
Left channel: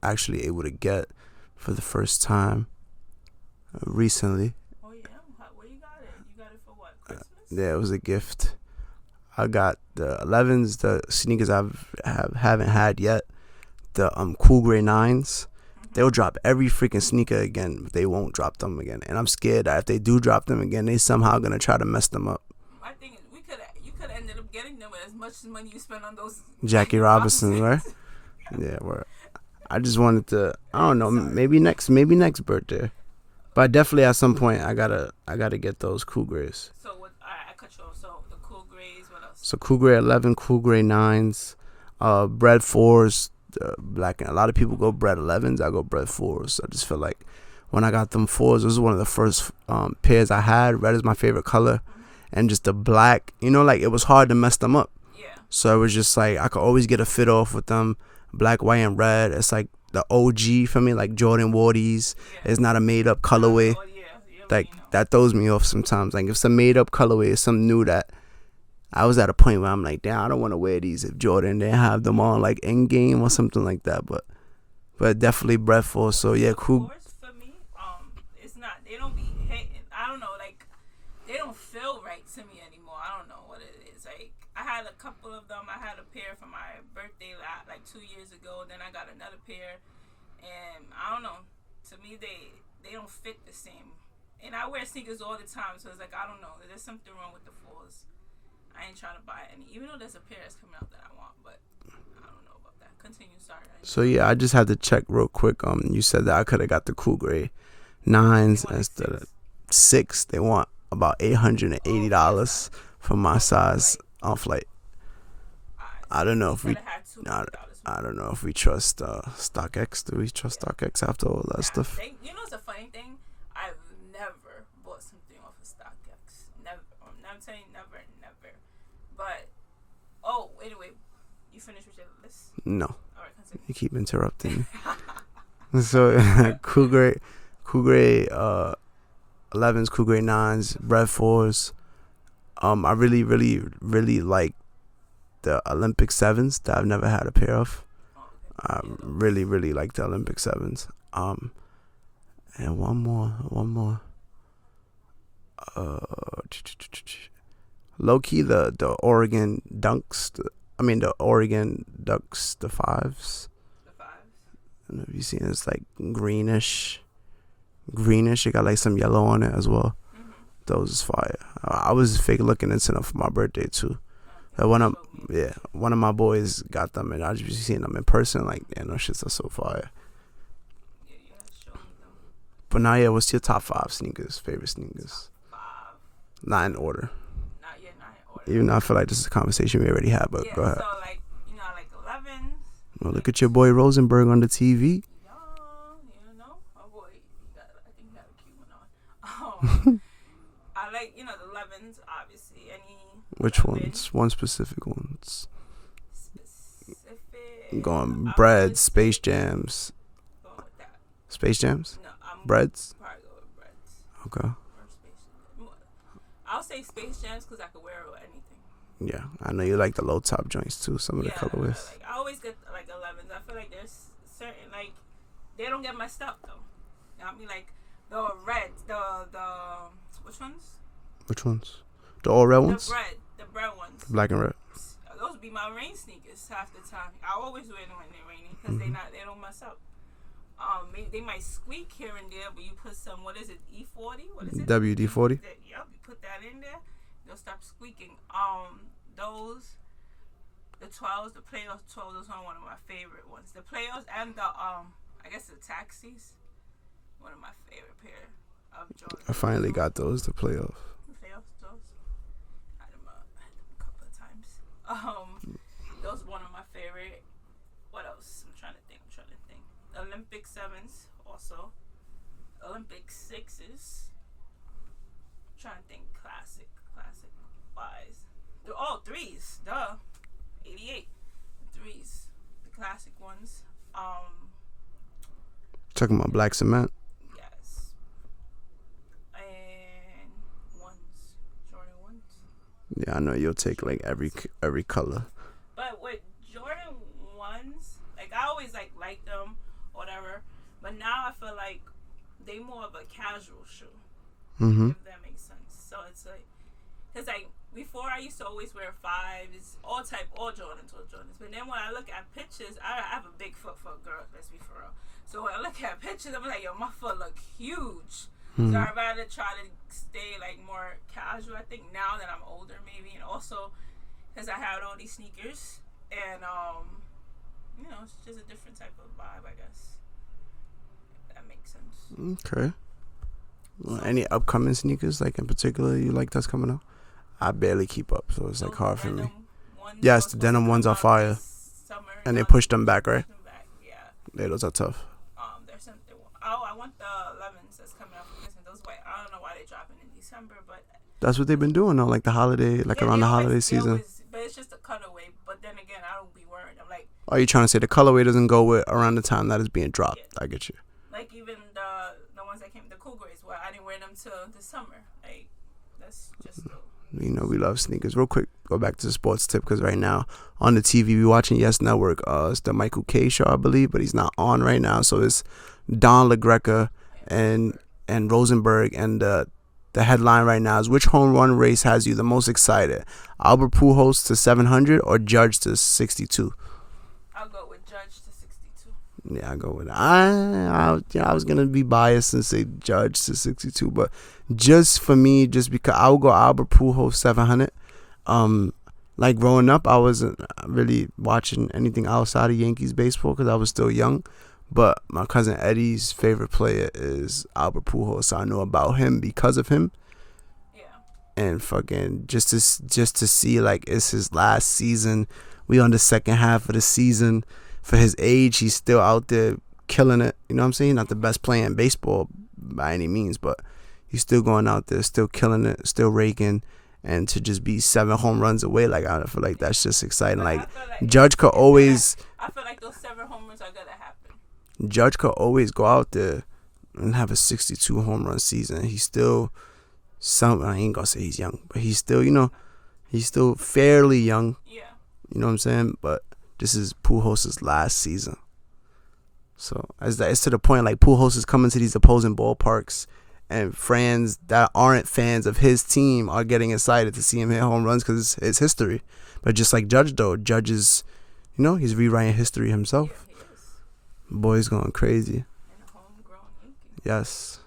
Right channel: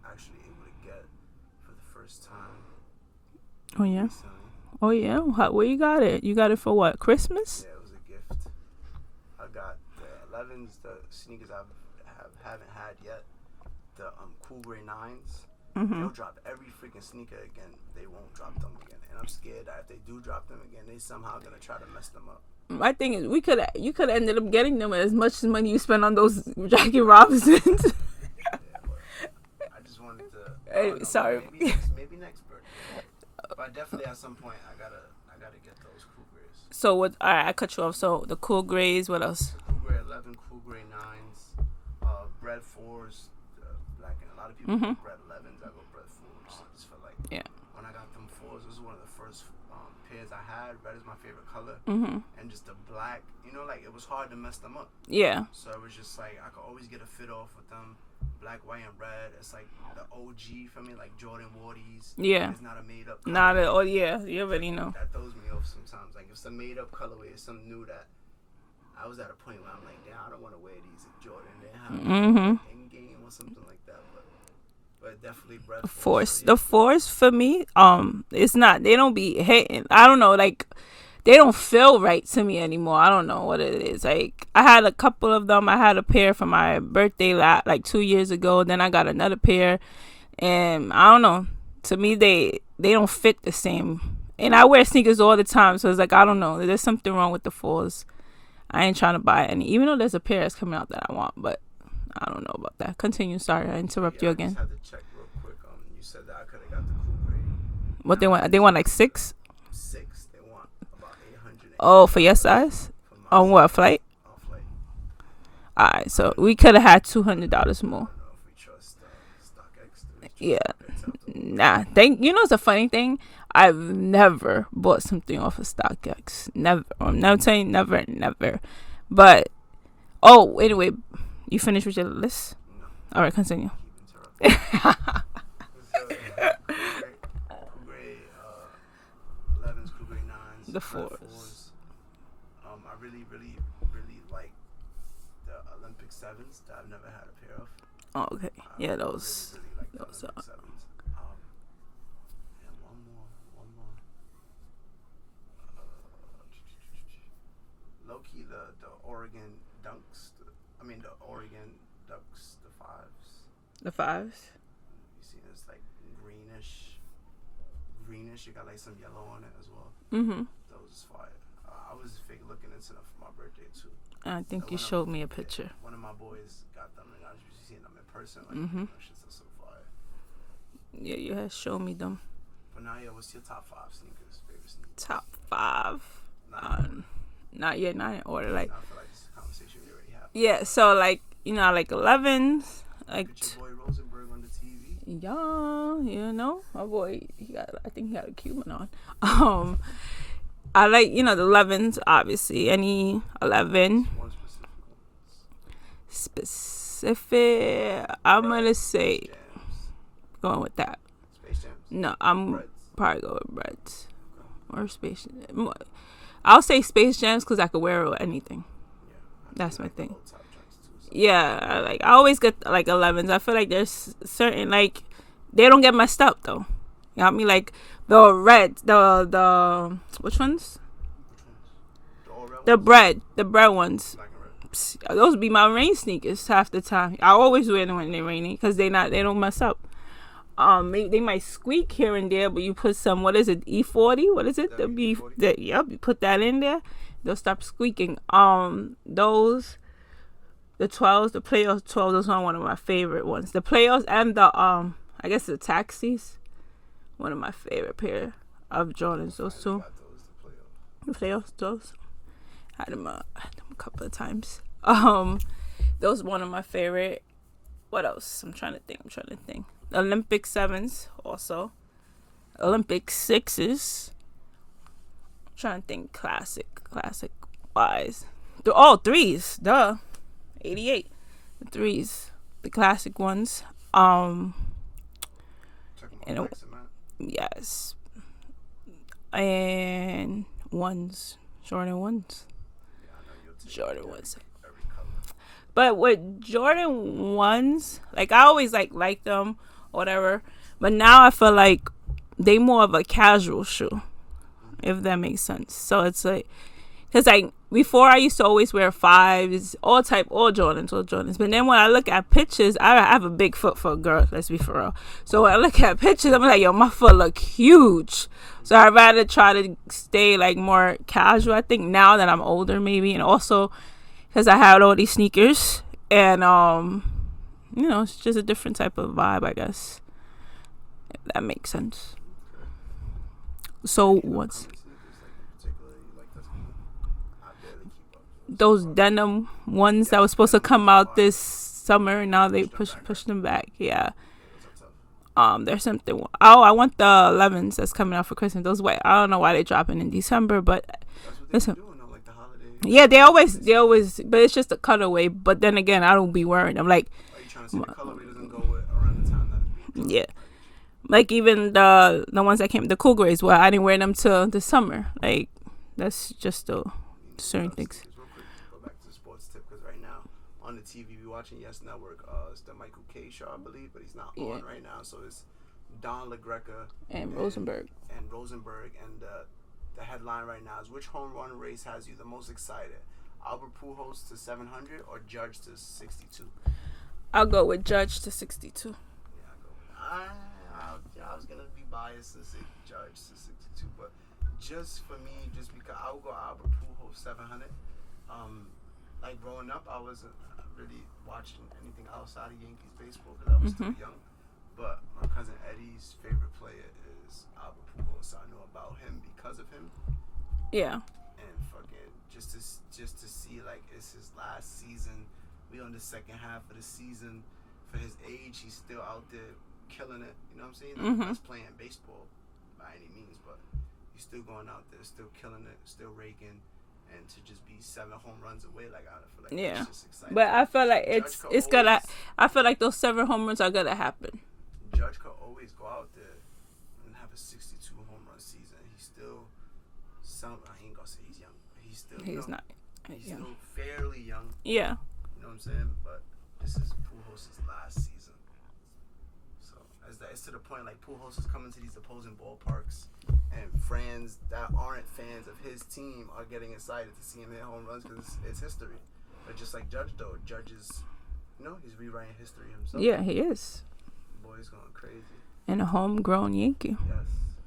actually able to get for the first time recently. Oh yeah, where you got it? You got it for what? Christmas? Yeah, it was a gift. I got the 11s, the sneakers haven't had yet. The cool gray 9s, they'll drop every freaking sneaker again. But they won't drop them again, and I'm scared that if they do drop them again, they somehow gonna try to mess them up. My thing is, you could have ended up getting them as much as money you spent on those Jackie Robinson, right? Yeah, word. I just wanted to. I don't know. Sorry. Maybe next birthday. But definitely at some point I gotta get those Cool Grays. So what? All right, I cut you off. So the Cool Grays. What else? So Cool Gray 11, Cool Gray 9s, Bread 4s, black. And a lot of people go Bread 11s. I go Bread 4s. I just feel like when I got them 4s, this was one of the first pairs I had. Red is my favorite color, and just the black. You know, like it was hard to mess them up. Yeah. So it was just like I could always get a fit off with them. Black, white, and red. It's like the OG for me, like Jordan Wardies. Yeah. It's not a made up colorway. Oh yeah, you already know. That throws me off sometimes. Like if it's a made up colorway, it's something new that I was at a point where I'm like, damn, I don't want to wear these if Jordan didn't have them on like in game or something like that. But definitely Bread 4. So yeah, the cool. 4s for me, it's not. They don't be hitting. I don't know, like. They don't feel right to me anymore. I don't know what it is. Like, I had a couple of them. I had a pair for my birthday like 2 years ago. Then I got another pair. And I don't know. To me, they don't fit the same. And I wear sneakers all the time. So it's like, I don't know. There's something wrong with the 4s. I ain't trying to buy any. Even though there's a pair that's coming out that I want. But I don't know about that. Continue. Sorry. So yeah, I just had to check real quick. You said that I could have got the Cool Gray. What they want? They want like 6? 6. They want about $880 for your size? For my on size. What, flight? On flight. Alright, so we could have had $200 more. I don't know if we trust StockX. Do we trust StockX after all that stuff? You know, it's a funny thing. I've never bought something off of StockX. Never. I'm never saying never. But anyway, you finished with your list? No. All right, continue. You keep interrupting. So Cool Gray 11s, Cool Gray 9s, Bread 4s. I really like the Olympic 7s that I've never had a pair of. Oh, okay. I really like the Olympic 7s. And one more. Low key the Oregon Dunks. The Oregon Ducks, the 5s. The 5s. I don't know if you've seen it. It's like greenish. It got like some yellow on it as well. Those is fire. I was fake looking into them for my birthday too. I think you showed me a picture. One of my boys got them, and I just seen them in person. Like, those shits are so fire. Yeah, you had shown me them. But now, yeah, what's your top 5 sneakers? Favorite sneakers? Top 5. Not in order. Not in order. Even though I feel like this is a conversation we already had. But yeah, so like I like 11s. Look at your boy Rosenberg on the TV. Yeah, my boy. I think he got a Cuban on. I like the 11s. Obviously, any 11. One specific ones. Specific. Bread, Space Jams. Going with that. Space Jams. No, I'm Breads. Probably go with Breads. Okay. Or Space. I'll say Space Jams because I could wear it with anything. Yeah, I know you like the low top joints too. I always get like 11s. I feel like there's certain like they don't get messed up though. You know what I mean? Like the red, the which ones? Which ones? The all red ones. The bread ones. Black and red. Those be my rain sneakers half the time. I always wear them when they're raining because they don't mess up. They might squeak here and there, but you put some what is it? E40? What is it? WD-40. Yep, you put that in there. They'll stop squeaking. Those, the 12s, the playoffs 12s, those are one of my favorite ones. The playoffs and the I guess the taxis, one of my favorite pair of Jordans. I finally got those. The playoffs. The playoffs, those. Had them a couple of times. Those one of my favorite. What else? I'm trying to think. Olympic 7s also. Olympic 6s. Trying to think classic wise. 3s, duh. 88. The 3s, the classic ones. Talking about black cement. Yes. And ones, Jordan 1s. Yeah, I know you'll take Jordan like every color. But with Jordan 1s, like I always like them, whatever. But now I feel like they more of a casual shoe. If that makes sense. So it's like, because like before I used to always wear 5s, all Jordans. But then when I look at pictures, I have a big foot for a girl. Let's be for real. So when I look at pictures, I'm like, yo, my foot look huge. So I'd rather try to stay like more casual. I think now that I'm older, maybe, and also because I had all these sneakers, and it's just a different type of vibe, I guess. If that makes sense. Okay. So any upcoming sneakers, like in particular, you like that's coming up? I barely keep up, so it's those like denim ones that were supposed to come out this summer, and now they pushed them back, right? Pushed them back, yeah. Yeah, those are tough. There's something. Oh, I want the 11s that's coming out for Christmas. Those white. I don't know why they're dropping in December, but that's what they've been doing though, like the holiday. Like yeah, they always. But it's just a cutaway. But then again, I don't be wearing them. Like, are you trying to say the colorway doesn't go with around the time that it's being dropped? Yeah, I get you. Like even the ones that came, the cool grays. Well, I didn't wear them till the summer. Like, that's just the. We love sneakers. Real quick, go back to the sports tip, because right now on the TV we watching Yes Network. It's the Michael K show, I believe, but he's not on right now. So it's Don LaGreca and Rosenberg, and the headline right now is, which home run race has you the most excited? Albert Pujols to 700 or Judge to 62? I'll go with Judge to 62. Yeah, I go with it. I was gonna be biased and say Judge to 62, but just for me, just because I would go Albert Pujols 700. Like growing up, I wasn't really watching anything outside of Yankees baseball because I was still young. But my cousin Eddie's favorite player is Albert Pujols, so I know about him because of him. Yeah. And fucking just to see, like, it's his last season. We on the second half of the season. For his age, he's still out there killing it. You know what I'm saying? Not the best player in baseball by any means, but he's still going out there, still killing it, still raking. And to just be 7 home runs away, like, I feel like that's just exciting. But like, I feel like Judge could always. I feel like those 7 home runs are gonna happen. Judge could always go out there and have a 62 home run season. He's still I ain't gonna say he's young, but he's still, he's still fairly young. Yeah. You know what I'm saying? But this is Pujols' last season. So it's to the point, like, Pujols is coming to these opposing ballparks, and fans that aren't fans of his team are getting excited to see him hit home runs because it's history. But just like Judge, though, Judge is, he's rewriting history himself. Yeah, he is. Boy's going crazy. And a homegrown Yankee. Yes.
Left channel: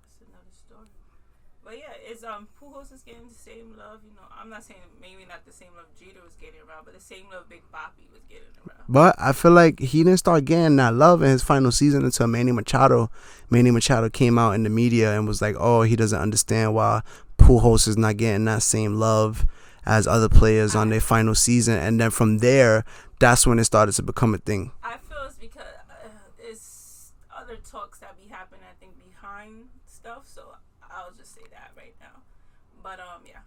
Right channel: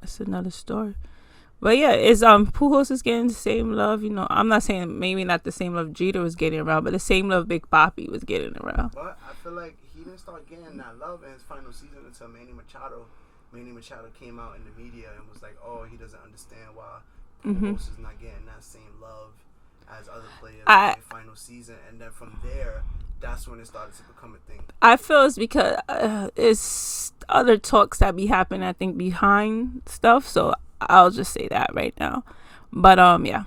That's another story. But yeah, Pujols is getting the same love. I'm not saying maybe not the same love Jeter was getting around, but the same love Big Papi was getting around. But I feel like he didn't start getting that love in his final season until Manny Machado. Manny Machado came out in the media and was like, oh, he doesn't understand why Pujols is not getting that same love as other players on their final season. And then from there, that's when it started to become a thing. I feel it's because it's other talks that be happening, I think, behind stuff. So I'll just say that right now. But yeah.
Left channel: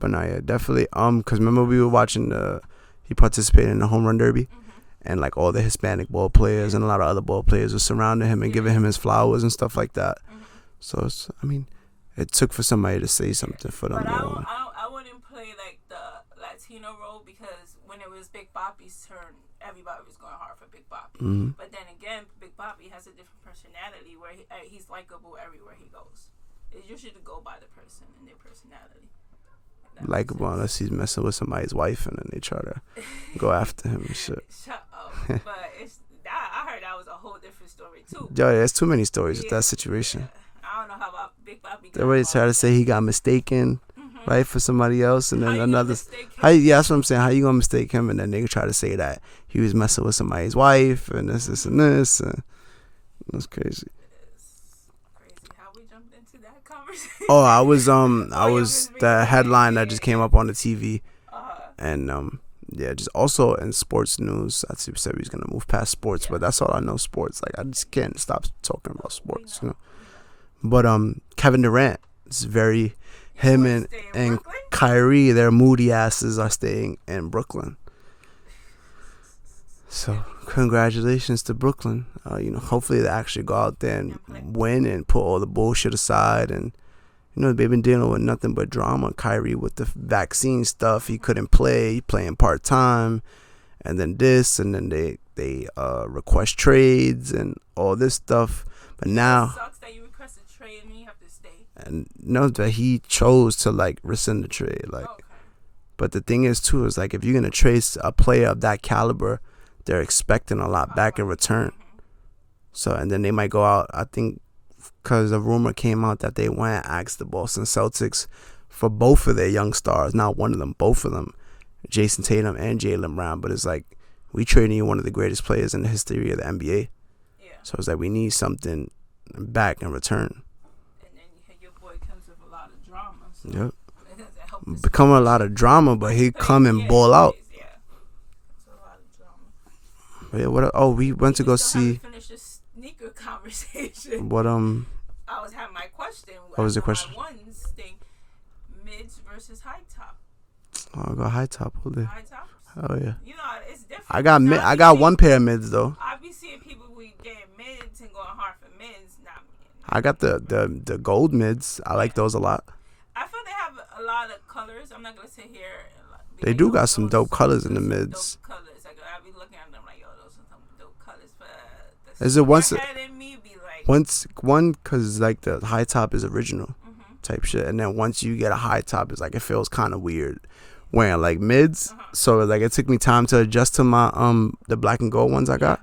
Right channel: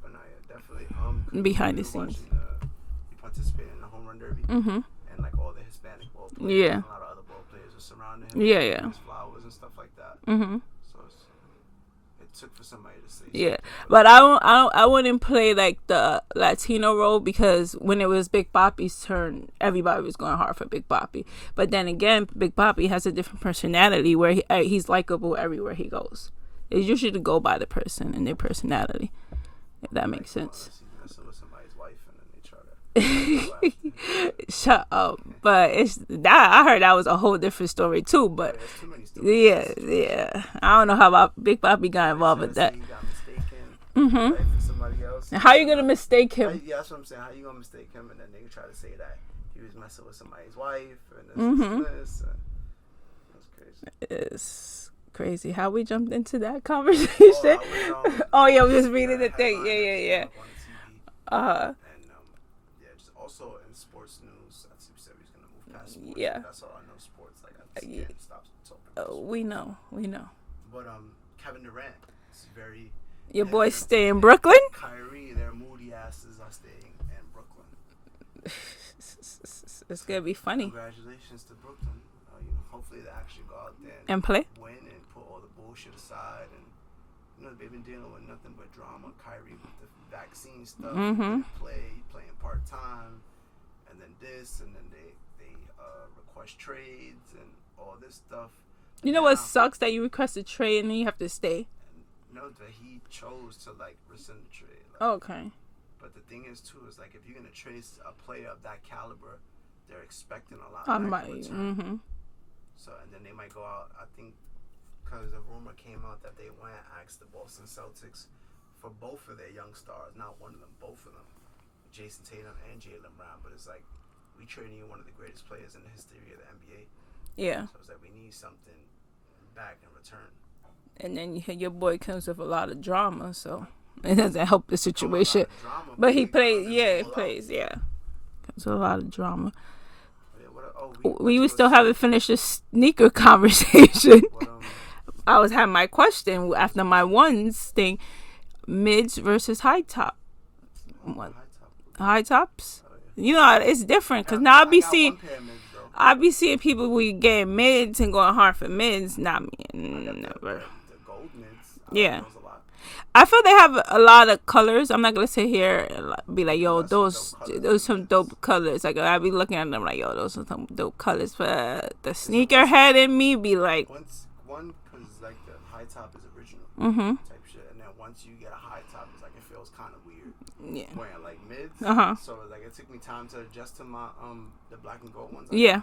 But no, yeah, definitely. Because remember we were watching he participated in the home run derby, and like all the Hispanic ball players and a lot of other ball players were surrounding him and giving him his flowers and stuff like that. So it's, it took for somebody to say something for them. But I wouldn't play like the Latino role, because when it was Big Papi's turn, everybody was going hard for Big Papi. But then again, Big Papi has a different personality where he's likable everywhere he goes. It's usually to go by the person and their personality. If that makes sense. Unless he's messing with somebody's wife and then they try to go after him and shit. Shut up. But I heard that was a whole different story too. But there's too many stories in that situation. Yeah. I don't know how about Big Papi got involved. Somebody tried to say he got mistaken, right, for somebody else. And how you gonna mistake him? Yeah, that's what I'm saying. How you gonna mistake him? And then they try to say that he was messing with somebody's wife and this and this. That's crazy. It's crazy how we jumped into that conversation. Oh, I was the headline that just came up on the TV. And just also in sports news, I said we was gonna move past sports, but that's all I know. Sports, like, I just can't stop talking about sports. We know. But Kevin Durant is very. Your boys stay in Brooklyn. Kyrie, their moody asses are staying in Brooklyn. It's gonna be funny. Congratulations to Brooklyn. Hopefully they actually go out there and play, win, and put all the bullshit aside. And they've been dealing with nothing but drama. Kyrie with the vaccine stuff, he couldn't play, playing part time, and then this, and then they request trades and all this stuff. But you know now, what sucks that you request a trade and then you have to stay. And know that he chose to like rescind the trade. Like, Okay. but the thing is too is like if you're gonna trade a player of that caliber, they're expecting a lot back in return. Mm-hmm. So and then they might go out. I think because a rumor came out that they went and asked the Boston Celtics for both of their young stars, not one of them, both of them, Jason Tatum and Jaylen Brown. But it's like we trading you one of the greatest players in the history of the NBA. Yeah. So it's like we need something back in return. And then your boy comes with a lot of drama, so Yep. it doesn't help the situation. Become a lot of drama, but he come and ball out. Yeah. Comes with a lot of drama. Yeah, we went to go still see. haven't finished the sneaker conversation. What I was having my question after my question? ones thing: mids versus high top. I got high top. High tops. Oh yeah. You know it's different. I got one pair of mids though. I be seeing people we getting mids and going hard for mids. Not me. I got the gold mids. I like those a lot. I feel they have a lot of colors. I'm not gonna sit here and be They like, do yo, got some dope colors in the some mids. dope colors. Like I be looking at them like, yo, those are some dope colors. But the Is it once- sneakerhead in me be like, because like the high top is original type shit, and then once you get a high top, it's like it feels kind of weird wearing like mids. So like it took me time to adjust to my the black and gold ones I got.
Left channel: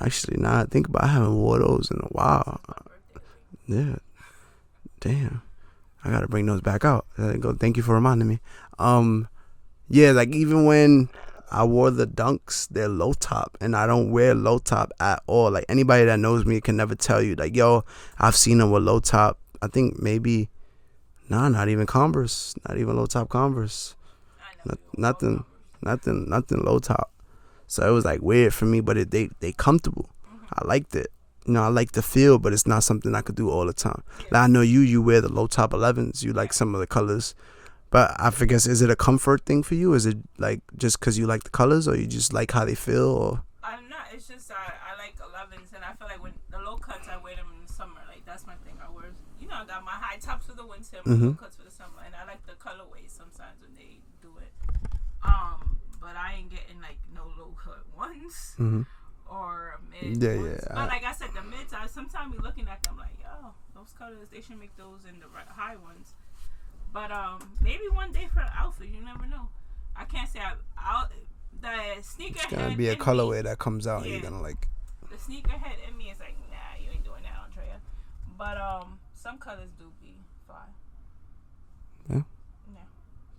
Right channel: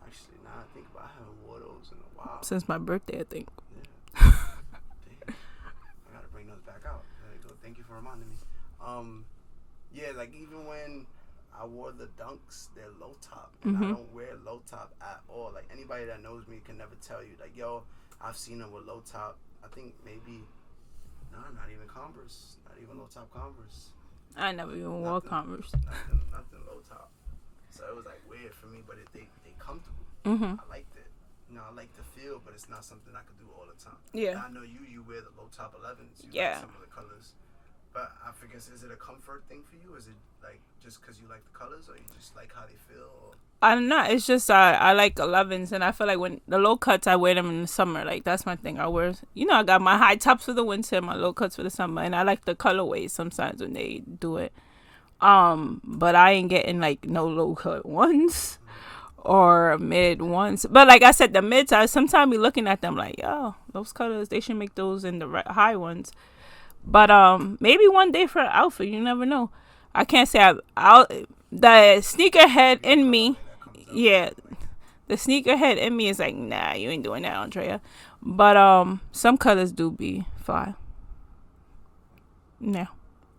Actually, now I think about it, I haven't wore those in a while. Since my birthday, I think. Yeah. Damn. I gotta bring those back out. Thank you for reminding me. Yeah, like even when I wore the Dunks, they're low top, and I don't wear low top at all. Like anybody that knows me can never tell you, like, yo, I've seen them with low top. I think maybe, not even Converse, not even low top Converse. I never even wore Converse. Nothing low top. So it was like weird for me, but they comfortable. I liked it. You know, I like the feel, but it's not something I could do all the time. Yeah. Like, I know you wear the low top 11s. You like some of the colors. But I forget, is it a comfort thing for you? Is it like just because you like the colors, or you just like how they feel? Or I don't know. It's just I like 11s, and I feel like when the low cuts, I wear them in the summer. Like that's my thing. I wear, I got my high tops for the winter, my low cuts for the summer, and I like the colorways sometimes when they do it. But I ain't getting like no low cut ones. Or mid ones. But like I said, the mids, I sometimes be looking at them like, yo, those colors, they should make those in the high ones. But maybe one day for an outfit, you never know. I can't say the sneakerhead in me. That comes out, the sneakerhead in me is like, nah, you ain't doing that, Andrea. But some colors do be fly. Yeah.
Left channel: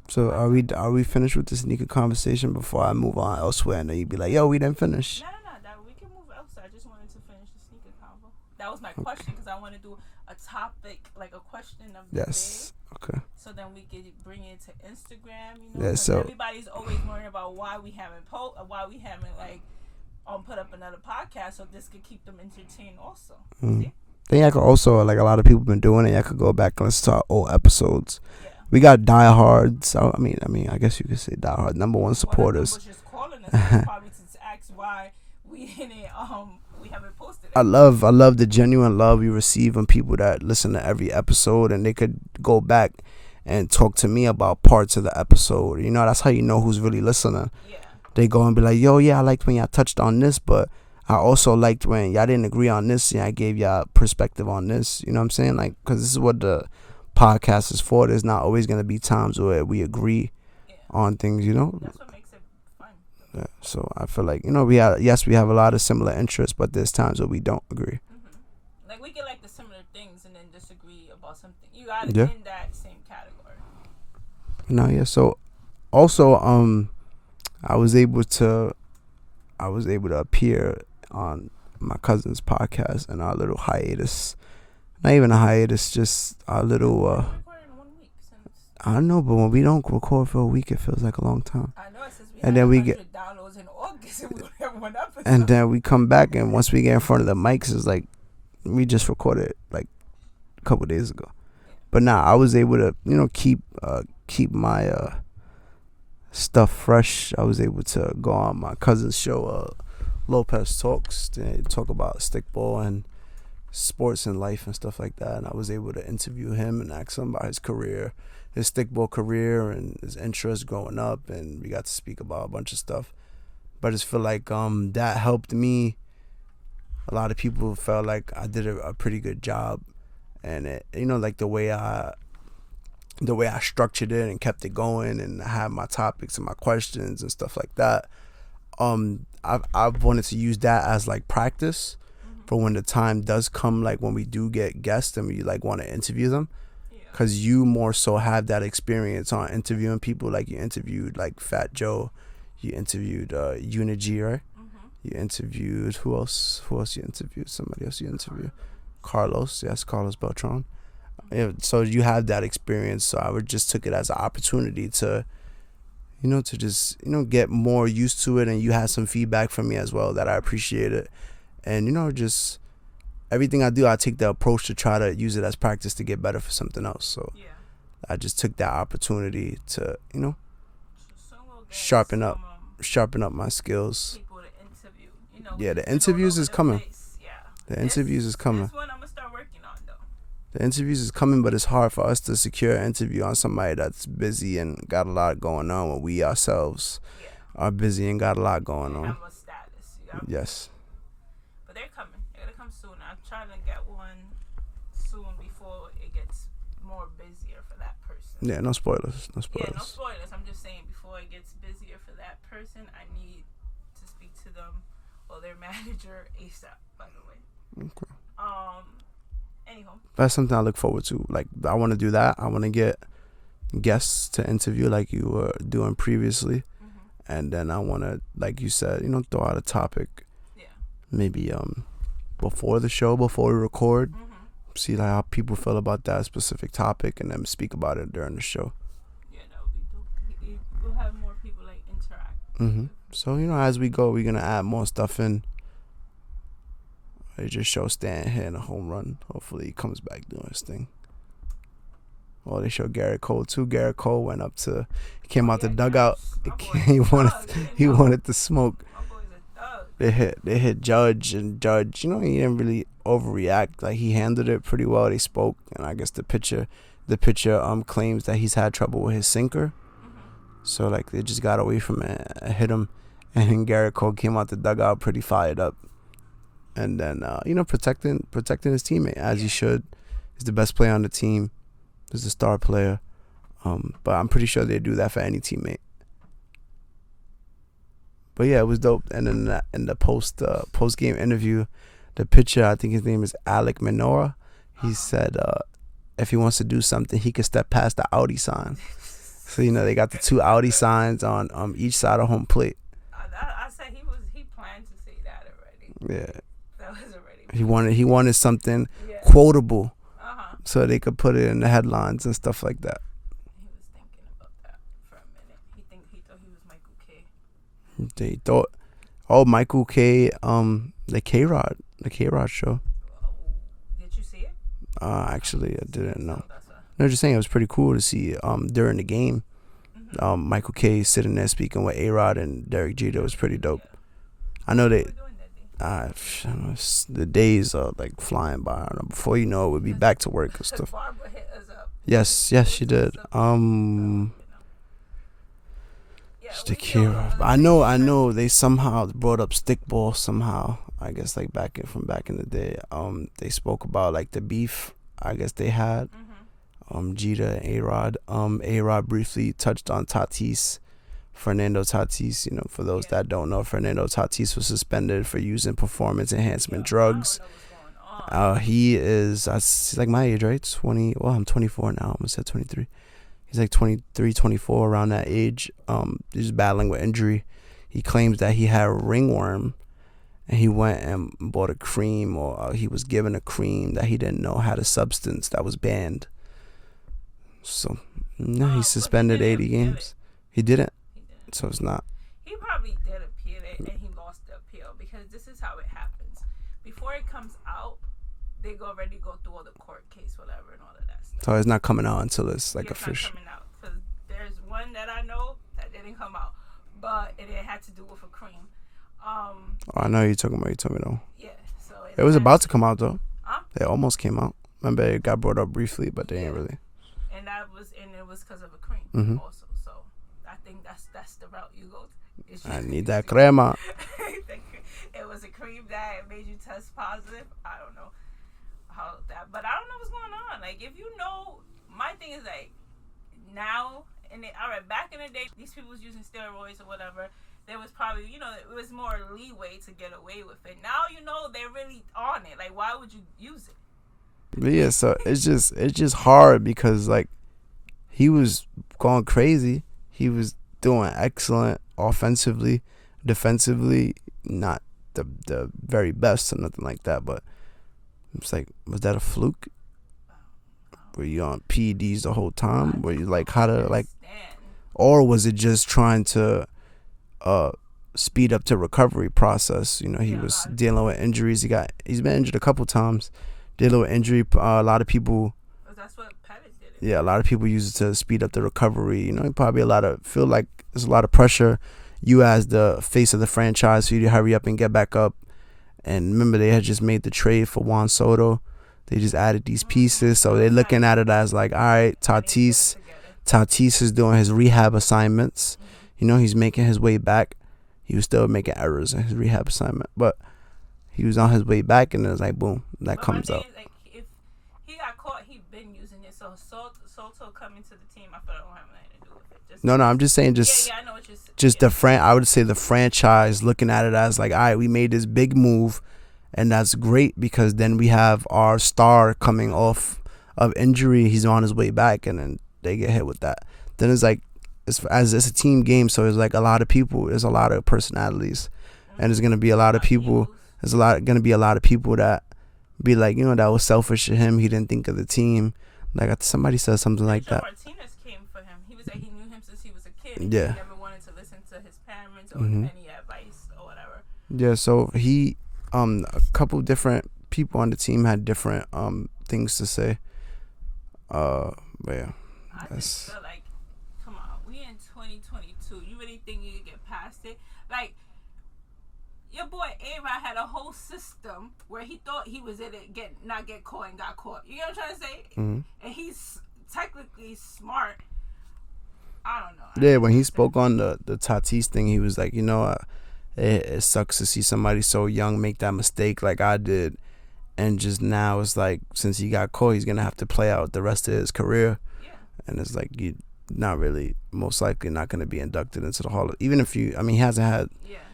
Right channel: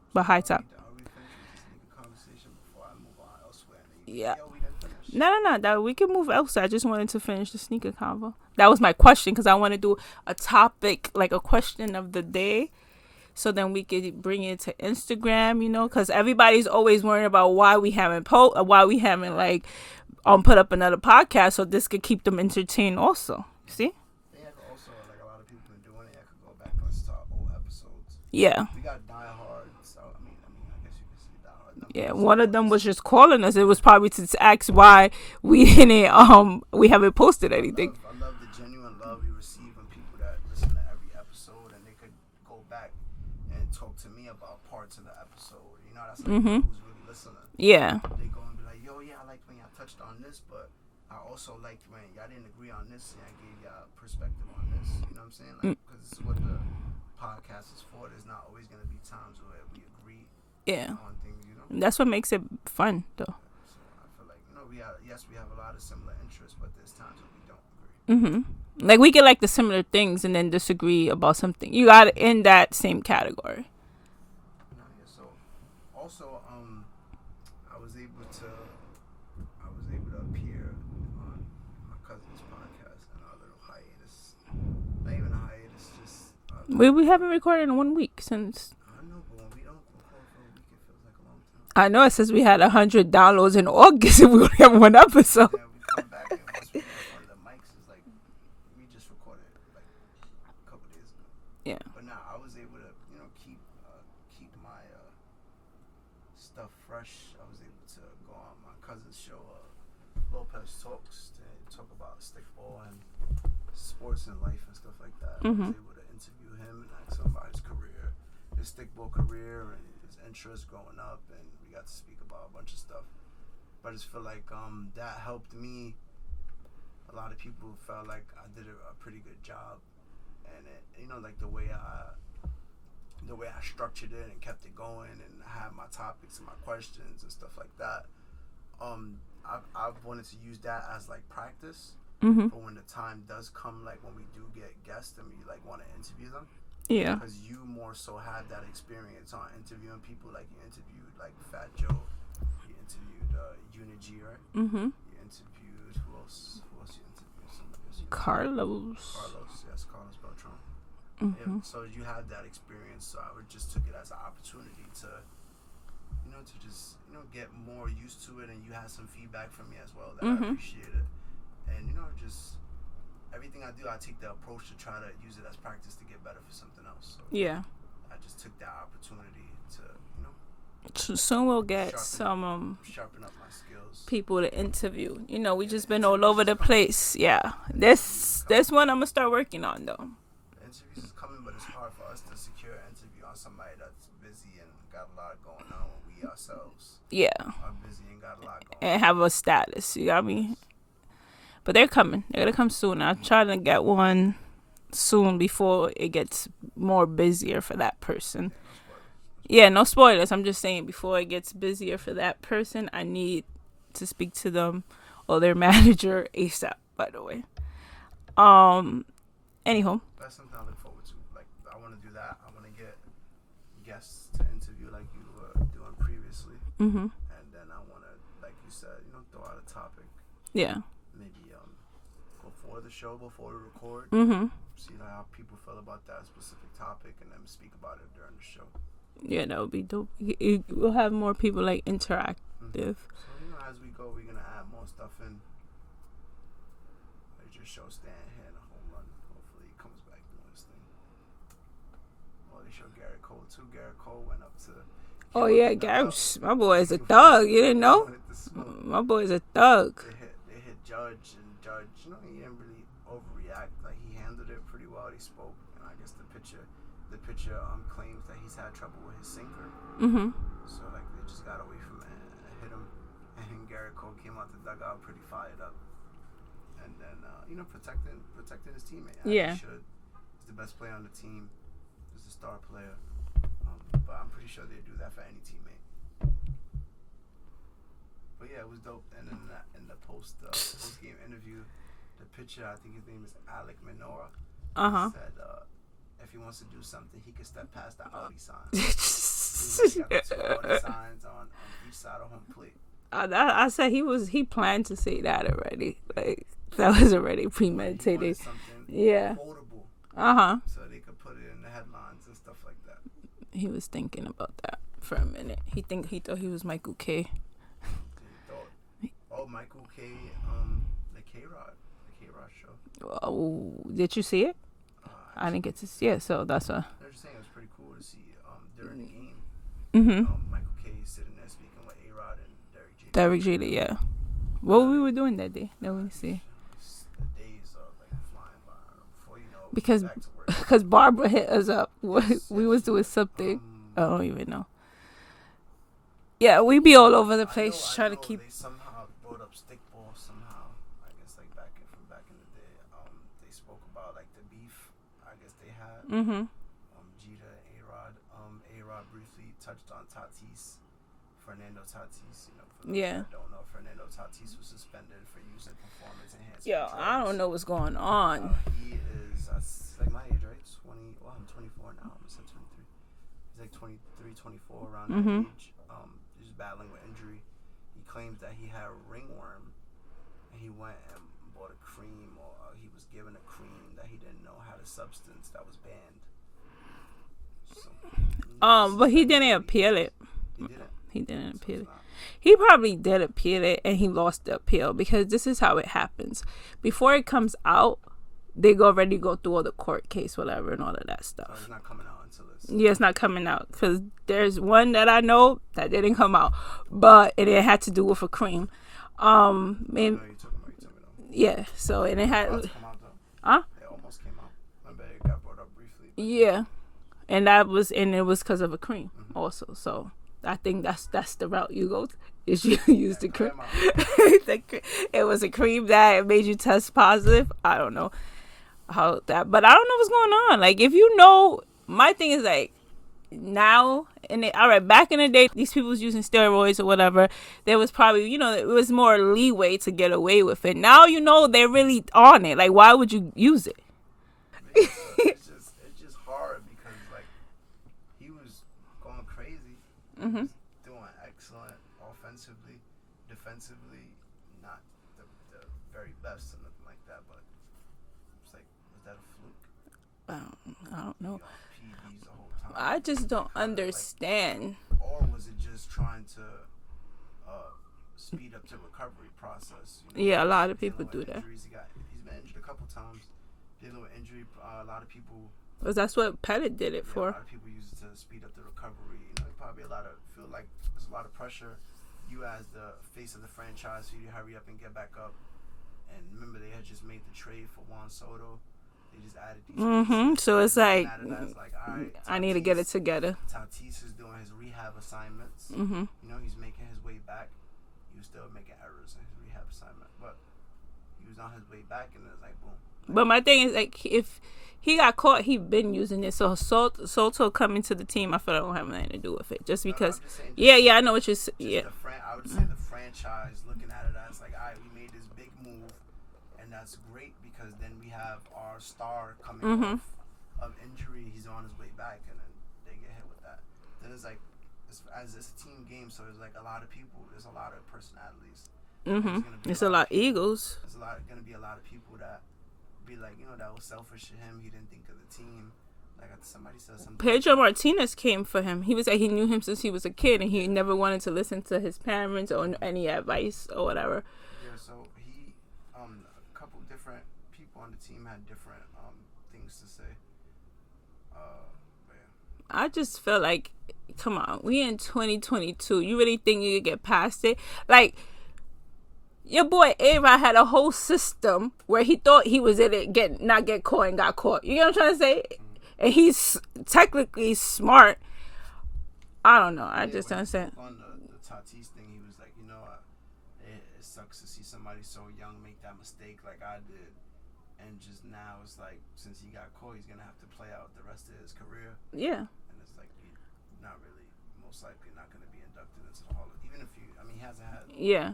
So are we finished with the sneaker conversation before I move on elsewhere? And then you'd be like, yo, we didn't finish. No. That we can move elsewhere. I just wanted to finish the sneaker convo. That was my question because I want to do a topic, like a question of the day. Okay. So then we could bring it to Instagram, because everybody's always worrying about why we haven't put up another podcast. So this could keep them entertained also. See? I think I could also, like a lot of people been doing it, I could go back and listen to our old episodes. Yeah. We got diehards. So, I mean, I guess you could say diehard number one supporters. One of them was just calling us. It was probably to ask why we didn't, we haven't posted anything. I love the genuine love we receive from people that listen to every episode, and they could go back and talk to me about parts of the episode. That's how you know who's really listening. Yeah. They go and be like, yo, yeah, I liked when y'all touched on this, but I also liked when y'all didn't agree on this and I gave y'all perspective on this. You know what I'm saying? Like, because this is what the podcast is for. There's not always going to be times where we agree on things, That's what makes it fun, though. Yeah, so I feel like, we have a lot of similar interests, but there's times where we don't agree. Like, we can like the similar things and then disagree about something. You got it in that same category. So also, I was able to appear on my cousin's podcast in our little hiatus. Not even a hiatus, just our little. We haven't recorded in 1 week since. I know, but when we don't record for a week, it feels like a long time. I know. It says we had 100 downloads in August and we only have one episode. And then we come back, and once we get in front of the mics, it's like we just recorded like a couple days ago. Yeah. But now I was able to, keep my stuff fresh. I was able to go on my cousin's show, Lopez Talks, to talk about stickball and sports and life and stuff like that. And I was able to interview him and ask him about his career, his stickball career, and his interest growing up. And we got to speak about a bunch of stuff. But I just feel like that helped me a lot of people felt like I did a pretty good job, and it, like the way I structured it and kept it going, and I had my topics and my questions and stuff like that. I've wanted to use that as like practice for when the time does come, like when we do get guests and we like want to interview them. Yeah. Because you more so have that experience on interviewing people. Like you interviewed like Fat Joe, you interviewed Unity, right? You interviewed who else you interviewed? Somebody else you interviewed? Carlos, yes, Carlos Beltran. Yeah, so you have that experience. So I would just took it as an opportunity to, to just get more used to it, and you had some feedback from me as well that I appreciate it, and just everything I do, I take the approach to try to use it as practice to get better for something else. So yeah, I just took that opportunity to soon we'll get sharpen up my skills. People to interview. We Yeah, just the been all interviews over is the coming. place. Yeah, The interviews is coming. That's one I'm gonna start working on though. The interviews is coming, but it's hard for us to secure an interview on somebody that's busy and got a lot going on when we ourselves are busy and got a lot going on. And have a status. You got me? Yes. But they're coming. They're gonna come soon. I'm trying to get one soon before it gets more busier for that person. Yeah, no spoilers. Yeah, no spoilers. I'm just saying before it gets busier for that person, I need to speak to them or their manager ASAP, by the way. Okay. Anyhow. That's something I look forward to. Like, I want to do that. I want to get guests to interview like you were doing previously. And then I want to, like you said, throw out a topic. Yeah. Maybe before the show, before we record. See like how people feel about that specific topic, and then speak about it during the show. Yeah, that would be dope. We'll have more people like interact. So as we go, we're gonna add more stuff in. They just show Stan hitting a home run. Hopefully he comes back doing his thing. Oh, they show Garrett Cole too. Garrett Cole went up to, came out the dugout. My boy's a thug. You didn't know? He wanted to smoke. My boy's a thug. They hit Judge, and Judge, he didn't really overreact. Like, he handled it pretty well. They spoke, and I guess the pitcher claims that he's had trouble with his sinker. So like they just got away from it and hit him, and then Garrett Cole came out the dugout pretty fired up. And then, protecting his teammate, as he should. He's the best player on the team. He's the star player. But I'm pretty sure they do that for any teammate. But yeah, it was dope. And then in the post game interview, the pitcher, I think his name is Alec Manoa, he said if he wants to do something, he could step past the Audi signs. So they got the two Audi signs on each side of home plate. I said he planned to say that already. Yeah. Like, that was already he wanted something quotable. So they could put it in the headlines and stuff like that. He was thinking about that for a minute. He thought he was Michael K. They thought, Michael K. The K-Rod show. Oh, did you see it? Actually, I did. Yeah, so that's a. No, just saying, it was pretty cool to see during the game. Michael K. sitting there speaking with A-Rod and Derek Jeter. That was pretty dope. Yeah. What we were doing that day? The days are like flying by. Before you know it, we'll be back to work. Because Barbara hit us up. Yes, she did. I don't even know. Yeah, we be all over the place. I know. They somehow brought up stickball somehow. I guess like back in the day. They spoke about like the beef. I guess they had. Jeter and A-Rod. A-Rod briefly touched on Tatis. Fernando Tatis, for those that don't know, Fernando Tatis was suspended for using performance enhancement drugs. I don't know what's going on. He is, he's like my age, right? 20. Well, I'm 24 now. I almost said 23. He's like 23, 24, around that age. He's battling with injury. He claims that he had ringworm, and he went and bought a cream, or he was given a cream that he didn't know had a substance that was banned. So, he's suspended, but he didn't 80 appeal games. it. He didn't. He didn't. So it's not. He probably did appeal it, and he lost the appeal, because this is how it happens. Before it comes out, they already go through all the court case, whatever, and all of that stuff. So it's not coming out until it's like it's not coming out, because there's one that I know that didn't come out, but it had to do with a cream. I know you're talking about. You told me though. Yeah. So it was about to come out though. It almost came out. Remember, it got brought up briefly, but they didn't really. And it was because of a cream also. So I think that's the route you go. Is you need that crema. it was a cream that made you test positive. I don't know how that, but I don't know what's going on. Like, if you know, my thing is like, now, all right, back in the day, these people was using steroids or whatever. There was probably, it was more leeway to get away with it. Now, they're really on it. Like, why would you use it? But yeah, so it's just hard because like he was going crazy. He was doing excellent offensively, defensively, not the very best or nothing like that. But it's like, was that a fluke? Were you on PEDs the whole time? Were you like how to understand. Or was it just trying to speed up the recovery process? He was dealing with injuries. He's been injured a couple times. Dealing with injury, a lot of people. Because that's what Ped'S did it. Yeah, for. A lot of people use it to speed up the recovery. Probably feel like there's a lot of pressure. You as the face of the franchise for you to hurry up and get back up. And remember, they had just made the trade for Juan Soto. They just added these pieces, so they're looking at it as like, all right, Tatis is doing his rehab assignments. He's making his way back. He was still making errors in his rehab assignment, but he was on his way back, and it was like, boom. But my thing is, like, if he got caught, he been using it. So Soto coming to the team, I feel like don't have nothing to do with it. Just because, I'm just saying, I know what you're saying. I would say the franchise looking at it as like, all right, we made this big move. And that's great because then we have our star coming off of injury. He's on his way back, and then they get hit with that. Then it's like, it's a team game, so it's like a lot of people. There's a lot of personalities, and there's gonna be a lot of people. There's gonna be a lot of people that be like, that was selfish of him. He didn't think of the team. Like somebody said something like that. Pedro Martinez came for him. He was like, he knew him since he was a kid, and he never wanted to listen to his parents or any advice or whatever. Yeah, so he. A couple different people on the team had different things to say. But yeah. I just feel like, come on, we in 2022. You really think you could get past it? Like, your boy A-Rod had a whole system where he thought he was in it, not get caught and got caught. You know what I'm trying to say? And he's technically smart. I don't know. When he spoke on the Tatis thing, he was like, it sucks to see somebody so young make that mistake like I did. And just now it's like, since he got caught, he's going to have to play out the rest of his career. Yeah. And it's like, you're not really, most likely not going to be inducted into the Hall of, even if he hasn't had. Yeah.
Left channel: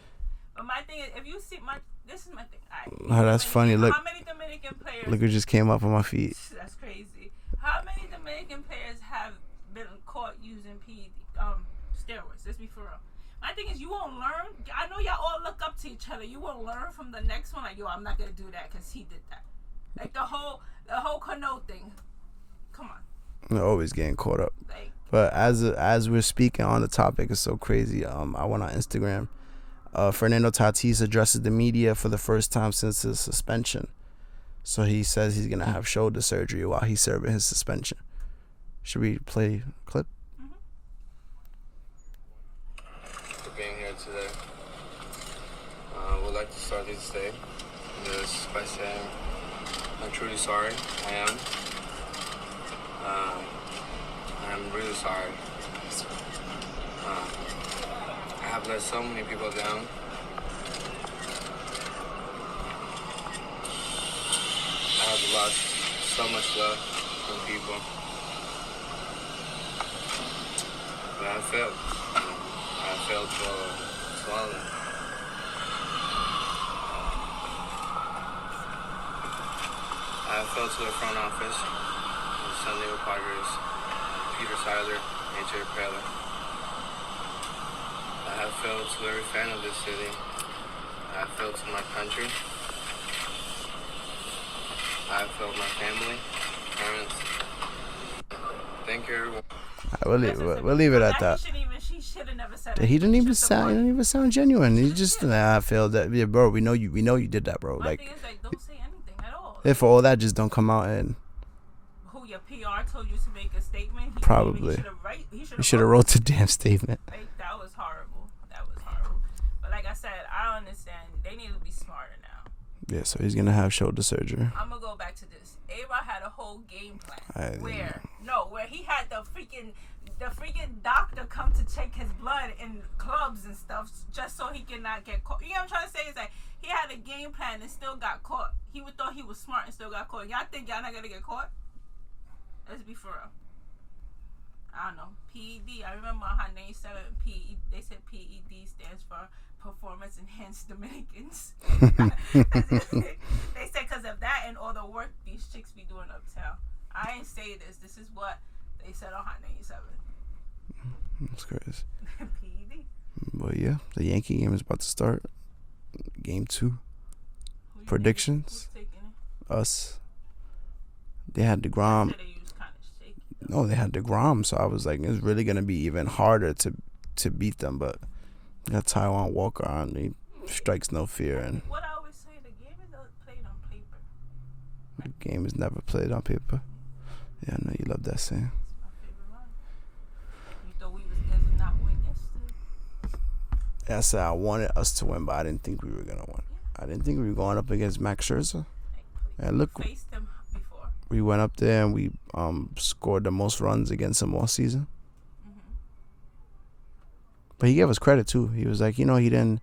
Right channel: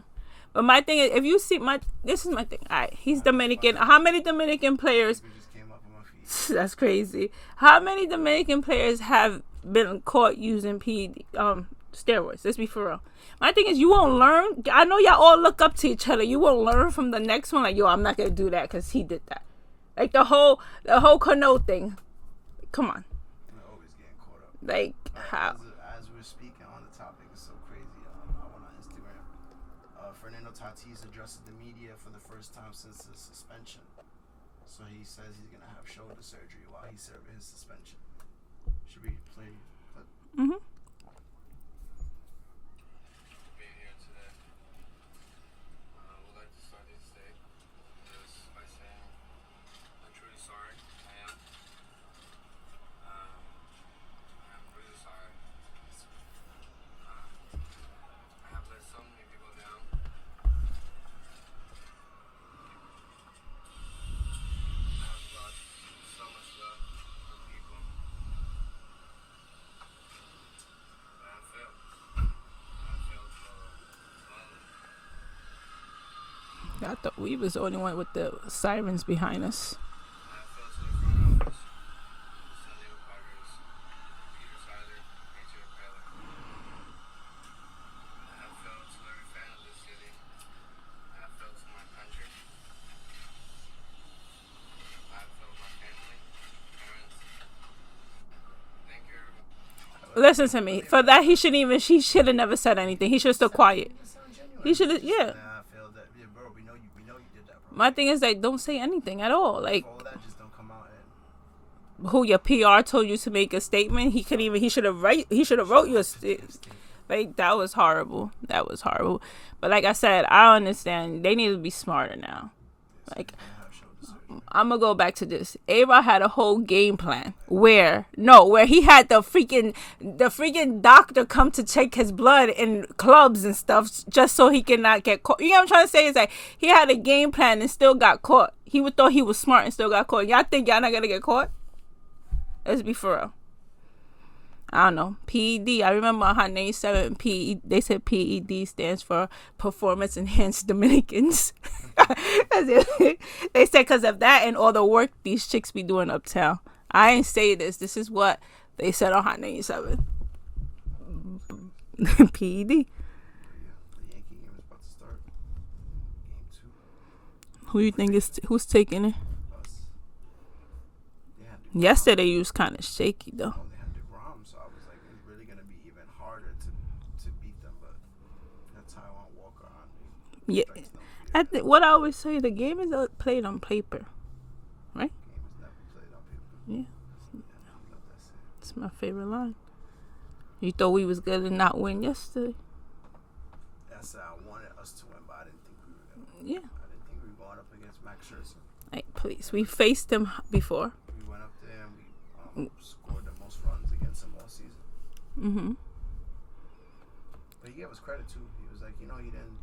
But my thing is, if you see this is my thing. All right, he's Dominican. How many Dominican players? Look, it just came up on my feet. That's crazy. How many Dominican players have been caught using steroids? Let's be for real. My thing is, you won't learn. I know y'all all look up to each other. You won't learn from the next one. Like, yo, I'm not gonna do that because he did that. Like the whole Cano thing. Come on. They're always getting caught up. Like, but as we're speaking on the topic, it's so crazy. I went on Instagram. Fernando Tatis addresses the media for the first time since his suspension. So he says he's gonna have shoulder surgery while he's serving his suspension. Should we play a clip? Being here today. Would like to start this day just by saying I'm truly sorry. I am. I'm really sorry. I have let so many people down. I have lost so much love from people. But I failed. I failed to swallow it. I thought we was the only one with the sirens behind us. I failed to the front office, the San Diego Padres, Peter Seiler, AJ Preller. I have failed to every fan of this city. I have failed to my country. I have failed my family, parents. Thank you, everyone. Listen to me. For that, he should have never said anything. He should have still quiet. He didn't even sound genuine. He just, I failed that. Yeah, bro, we know you did that, bro. My thing is, like, don't say anything at all. Like, for all that, just don't come out and. Who your PR told you to make a statement? He couldn't even. He should have wrote the damn statement. Like, that was horrible. But like I said, I understand. They need to be smarter now. Yeah, so he's gonna have shoulder surgery. I'm gonna go back to this. A-Rod had a whole game plan where he had the freaking doctor come to check his blood in clubs and stuff just so he cannot get caught. You know what I'm trying to say? Is like he had a game plan and still got caught. He would thought he was smart and still got caught. Y'all think y'all not gonna get caught? Let's be for real. I don't know. PED. I remember on Hot 97 PED. They said PED stands for Performance Enhanced Dominicans. They said because of that and all the work these chicks be doing uptown. I ain't say this. This is what they said on Hot 97. That's crazy. PED. But yeah, the Yankee game is about to start. Game 2. Who you think is who's taking it? Us. They had DeGrom. Yesterday you was kind of shaky though. Oh, they had DeGrom, so I was like, it's really gonna be even harder to beat them. But they got Taiwan Walker on. He strikes no fear. What I always say, the game is played on paper, right? The game is never played on paper. Yeah. Yeah, I know you love that saying. It's my favorite line. You thought we was gonna not win yesterday. I said I wanted us to win, but I didn't think we were gonna win. Yeah. I didn't think we were going up against Max Scherzer. Hey, please. Yeah, we faced him before. We went up there and we scored the most runs against him all season. Mm-hmm. But he gave us credit too. He was like, he didn't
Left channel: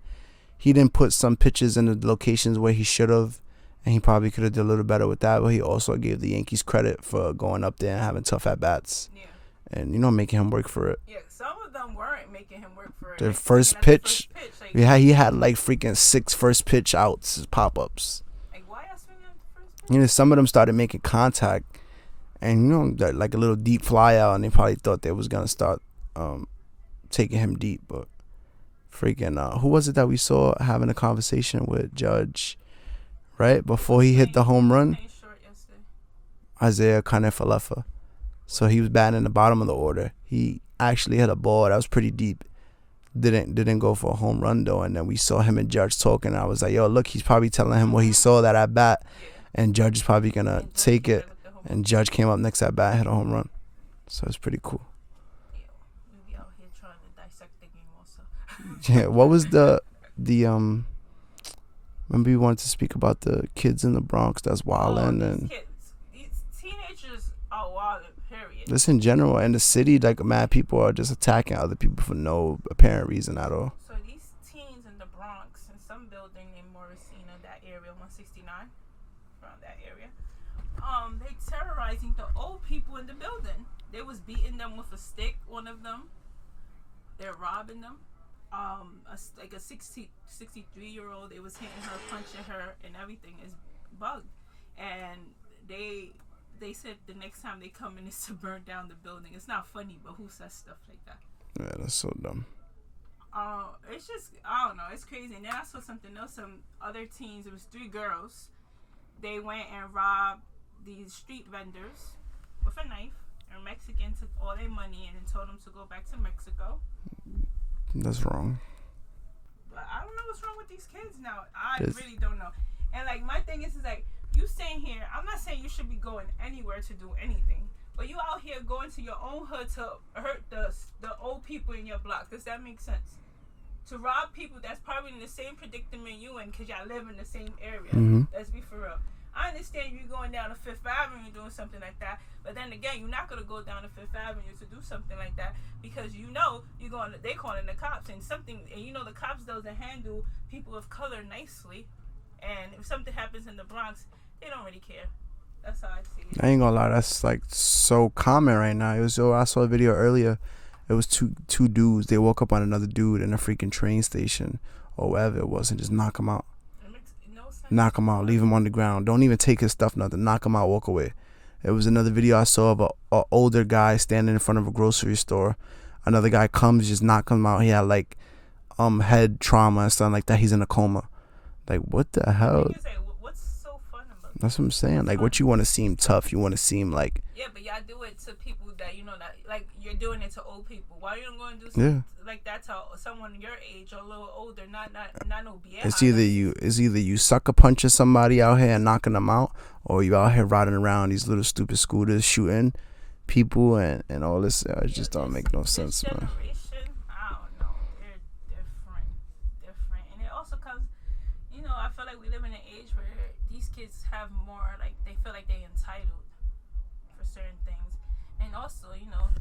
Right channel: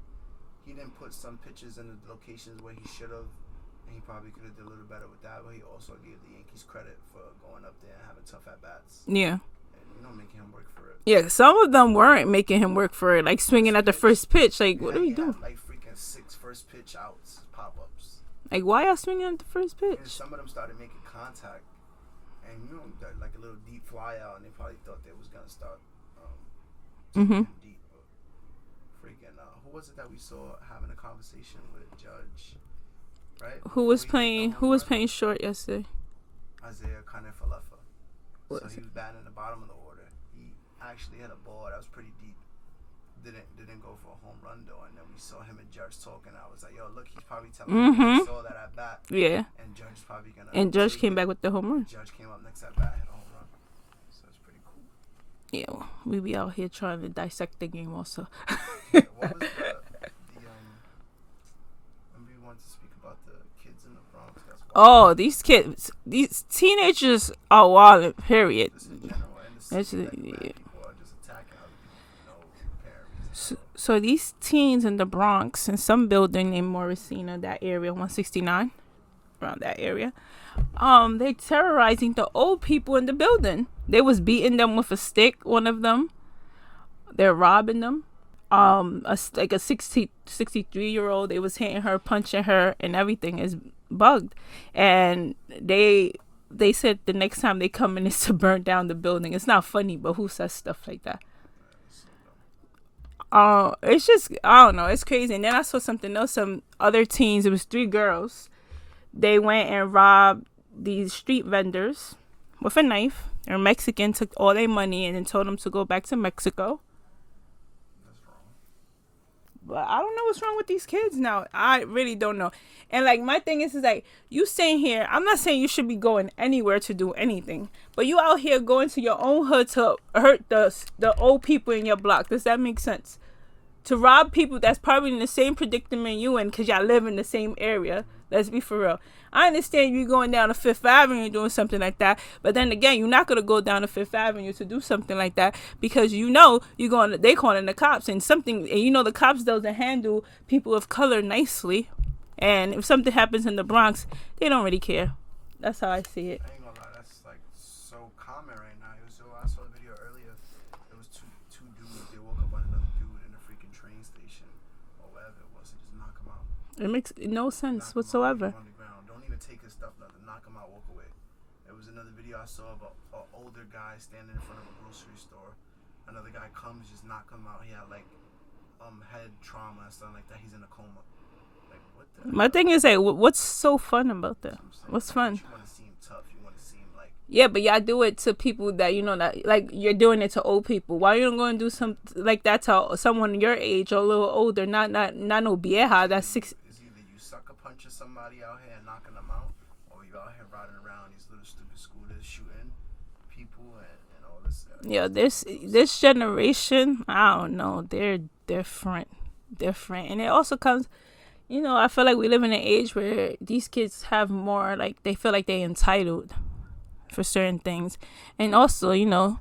put some pitches in the locations where he should have, and he probably could have did a little better with that. But he also gave the Yankees credit for going up there and having tough at bats. Yeah. And making him work for it. Yeah, some of them weren't making him work for it, like swinging at the first pitch. Like he had like freaking 6 first pitch outs, pop ups. Like, why y'all swinging at the first pitch? Some of them started making contact, and like a little deep fly out, and they probably thought they was gonna start taking him deep. But freaking, who was it that we saw having a conversation with Judge, right before he hit the home run? Who was playing short yesterday? Isaiah Kiner-Falefa. So he was batting in the bottom of the order. He actually hit a ball that was pretty deep. Didn't go for a home run though, and then we saw him and Judge talking. And I was like, "Yo, look, he's probably telling him what he saw that at bat." Yeah. And Judge is probably gonna take it. And Judge came back with the home run. And Judge came up next at bat, hit a home run. So it's pretty cool. Yeah, well, we be out here trying to dissect the game also. Yeah. What was the Remember we wanted to speak about the kids in the Bronx that's wild. Oh, these teenagers are wild, period. Just in general, in the city, mad people are just attacking other people for no apparent reason at all. So these teens in the Bronx, in some building named Morrisina, that area, 169, around that area, they terrorizing the old people in the building. They was beating them with a stick, one of them. They're robbing them. A 63-year-old, they was hitting her, punching her, and everything is bugged. And they said the next time they come in is to burn down the building. It's not funny, but who says stuff like that? Yeah, that's so dumb. It's just, I don't know, it's crazy. And then I saw something else, some other teens, it was 3 girls. They went and robbed these street vendors with a knife. They're Mexican, took all their money and then told them to go back to Mexico. That's wrong. But I don't know what's wrong with these kids now. I really don't know. And like my thing is like, you staying here, I'm not saying you should be going anywhere to do anything, but you out here going to your own hood to hurt the old people in your block. Does that make sense? To rob people that's probably in the same predicament you in because y'all live in the same area. Mm-hmm. Let's be for real. I understand you going down to Fifth Avenue doing something like that, but then again, you're not gonna go down to Fifth Avenue to do something like that because they calling the cops and the cops doesn't handle people of color nicely, and if something happens in the Bronx, they don't really care. That's how I see it. I ain't gonna lie, that's like so common right now. I saw a video earlier. It was two dudes. They woke up on another dude in a freaking train station or wherever it was and just knock him out. It makes no sense. Knock him whatsoever. out, leave him on the ground. Don't even take his stuff, nothing. Knock him out, walk away. There was another video I saw of a older guy standing in front of a grocery store. Another guy comes, just knock him out. He had like head trauma and stuff like that. He's in a coma. Like, what the hell? My thing is, like, what's so fun about that? That's what I'm saying. What's like, fun? what you want to seem tough? You want to seem like... Yeah, but y'all do it to people that, that, like, you're doing it to old people. Why you don't go and do something like that to someone your age or a little older? Not no vieja. It's either you sucker punching somebody out here and knocking them out, or you out here riding around these little stupid scooters shooting people and all this. Just don't make no sense. This generation, I don't know. They're different. And it also comes... You know, I feel like we live in an age where these kids have more, like, they feel like they're entitled for certain things. And also, you know,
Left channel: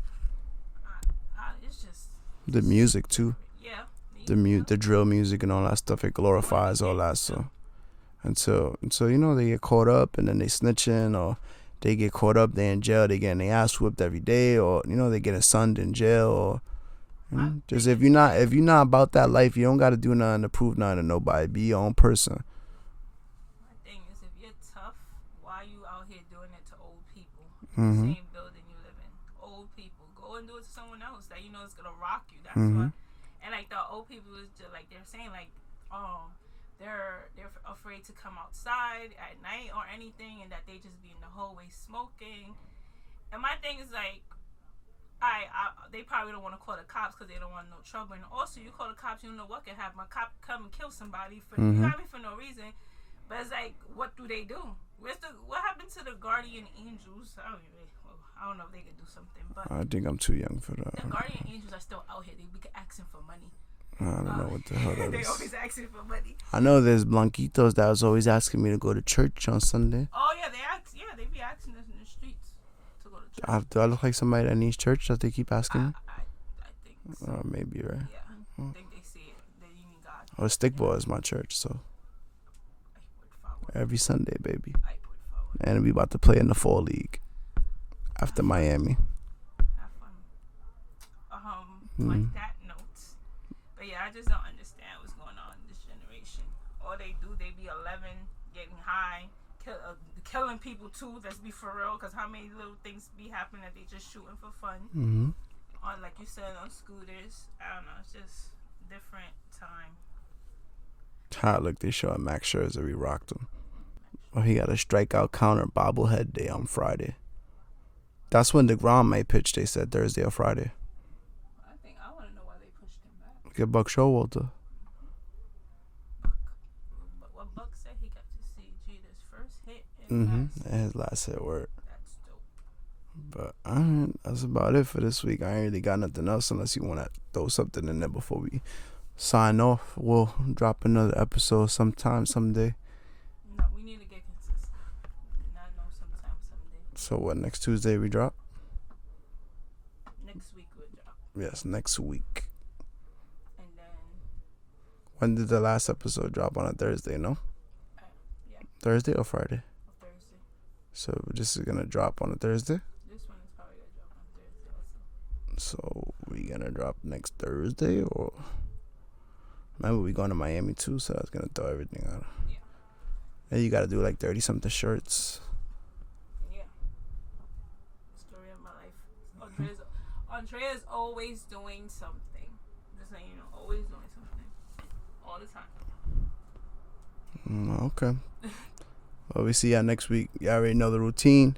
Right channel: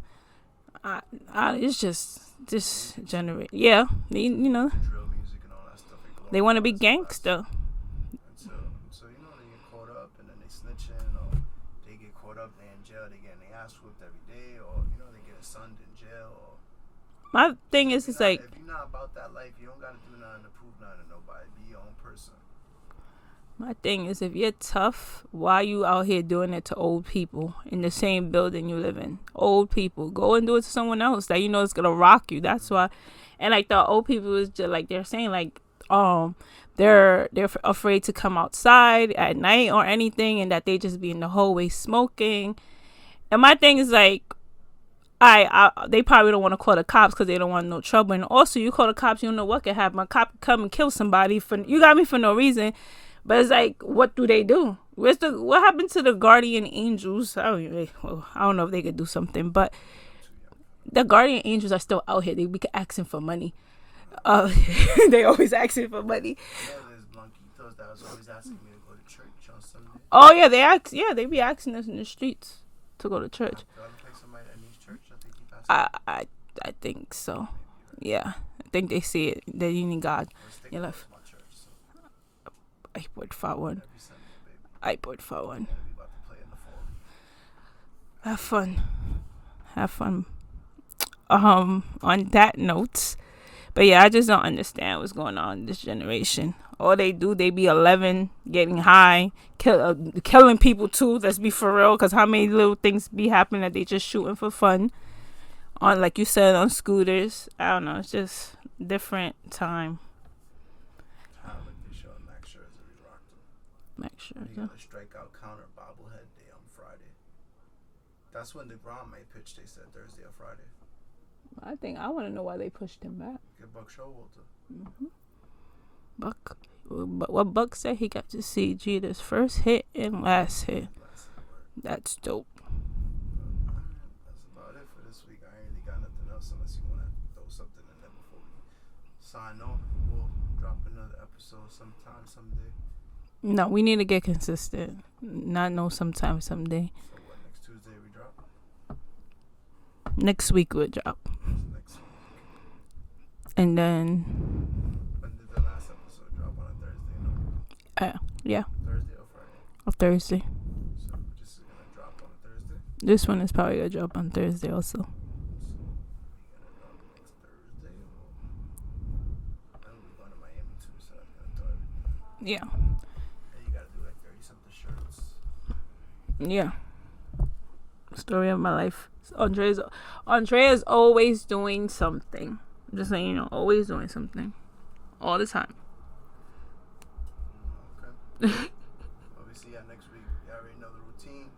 it's just the music too. Yeah. The drill music and all that stuff. It glorifies they want to be all that gangster. stuff. And so, you know, they get caught up and then they snitching, or they get caught up, they in jail, they getting their ass whipped every day, or, you know, they getting sunned in jail, or my thing is, if you're not about that life, you don't got to do nothing to prove nothing to nobody. Be your own person. My thing is, if you're tough, why you out here doing it to old people in the same building you live in? Old people, go and do it to someone else that you know is gonna rock you. That's why. And like the old people is just like they're saying, like they're afraid to come outside at night or anything, and that they just be in the hallway smoking. And my thing is like, they probably don't want to call the cops because they don't want no trouble. And also, you call the cops, you don't know what could happen. A cop could come and kill somebody for you got me for no reason. But it's like, what do they do? What happened to the guardian angels? I don't know if they could do something, but I think I'm too young for that. The guardian angels are still out here. They be asking for money. They always asking for money. I know there's Blanquitos that was always asking me to go to church on Sunday. Oh yeah, they be asking us in the streets to go to church. Do I look like somebody that needs church that they keep asking? I think so. Maybe, right? Yeah, I think they see it that you need God. Well, Stickball is my church, so. Every Sunday, baby. And we about to play in the fall league after Miami. Have fun. On that note, but yeah, I just don't understand what's going on in this generation. All they do, they be 11, getting high, killing people too. Let's be for real, because how many little things be happening that they just shooting for fun? On, like you said, on scooters. I don't know. It's just different time. Look, they showing Max Scherzer. We rocked him. Oh, he got a strikeout counter bobblehead day on Friday. That's when DeGrom may pitch. They said Thursday or Friday. I want to know why they pushed him back. Get Buck Showalter. What Buck said, he got to see Jeter's first hit and last hit. His last hit worked. That's dope. But that's about it for this week. I ain't really got nothing else unless you want to throw something in there before we sign off. We'll drop another episode someday. No, we need to get consistent. Not no sometime, someday. So what, next Tuesday we drop? Next week we'll drop. Yes, next week. And then... When did the last episode drop? On a Thursday, no? Yeah. Thursday or Friday? Or Thursday. So this is going to drop on a Thursday? This one is probably going to drop on Thursday also. So we going to drop next Thursday or... Remember, we going to Miami too, so I was going to throw everything out. Yeah. And you got to do like 30-something shirts. Yeah. Story of my life. Andrea's always doing something. Just saying, you know, always doing something. All the time. Okay. Well, we see y'all next week. Y'all already know the routine.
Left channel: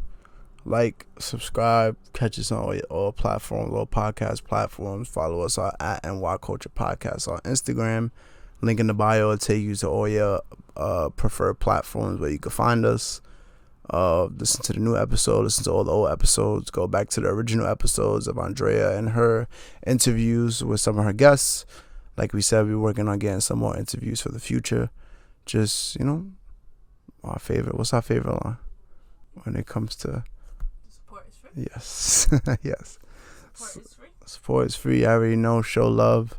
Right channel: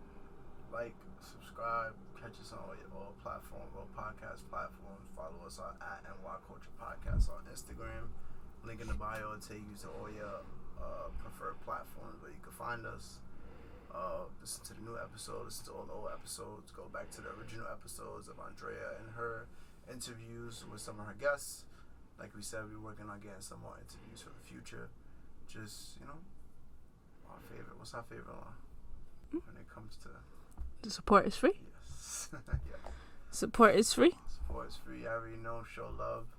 Like, subscribe, catch us on all platforms, all podcast platforms. Follow us at NY Culture Podcast on Instagram. Link in the bio will take you to all your preferred platforms where you can find us. Listen to the new episode, listen to all the old episodes, go back to the original episodes of Andrea and her interviews with some of her guests. Like we said, we're working on getting some more interviews for the future. Just, you know, what's our favorite line when it comes to... The support is free? Yes. Yes. Support is free? Support is free. I already know. Show love.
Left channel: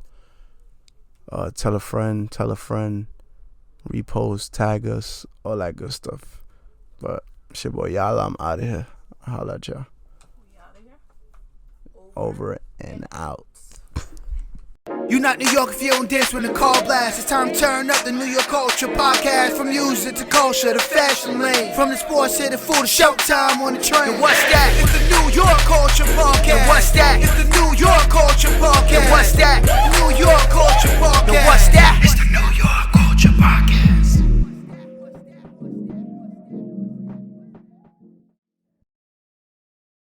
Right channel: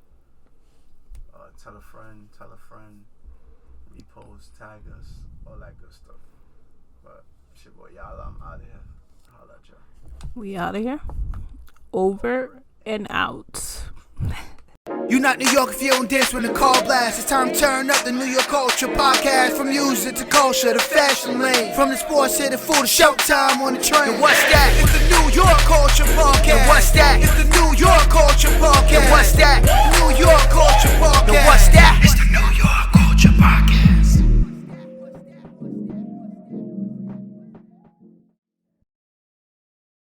Tell a friend. Repost, tag us, all that good stuff. But it's your boy Yala. I'm out of here. I'll holla at y'all. We out of here. Over and out. You not New York if you don't dance when the call blast. It's time to turn up the New York Culture Podcast. From music to culture to fashion lane. From the sports to the food to showtime on the train. And what's that? It's the New York Culture Podcast. And what's that? It's the New York Culture Podcast.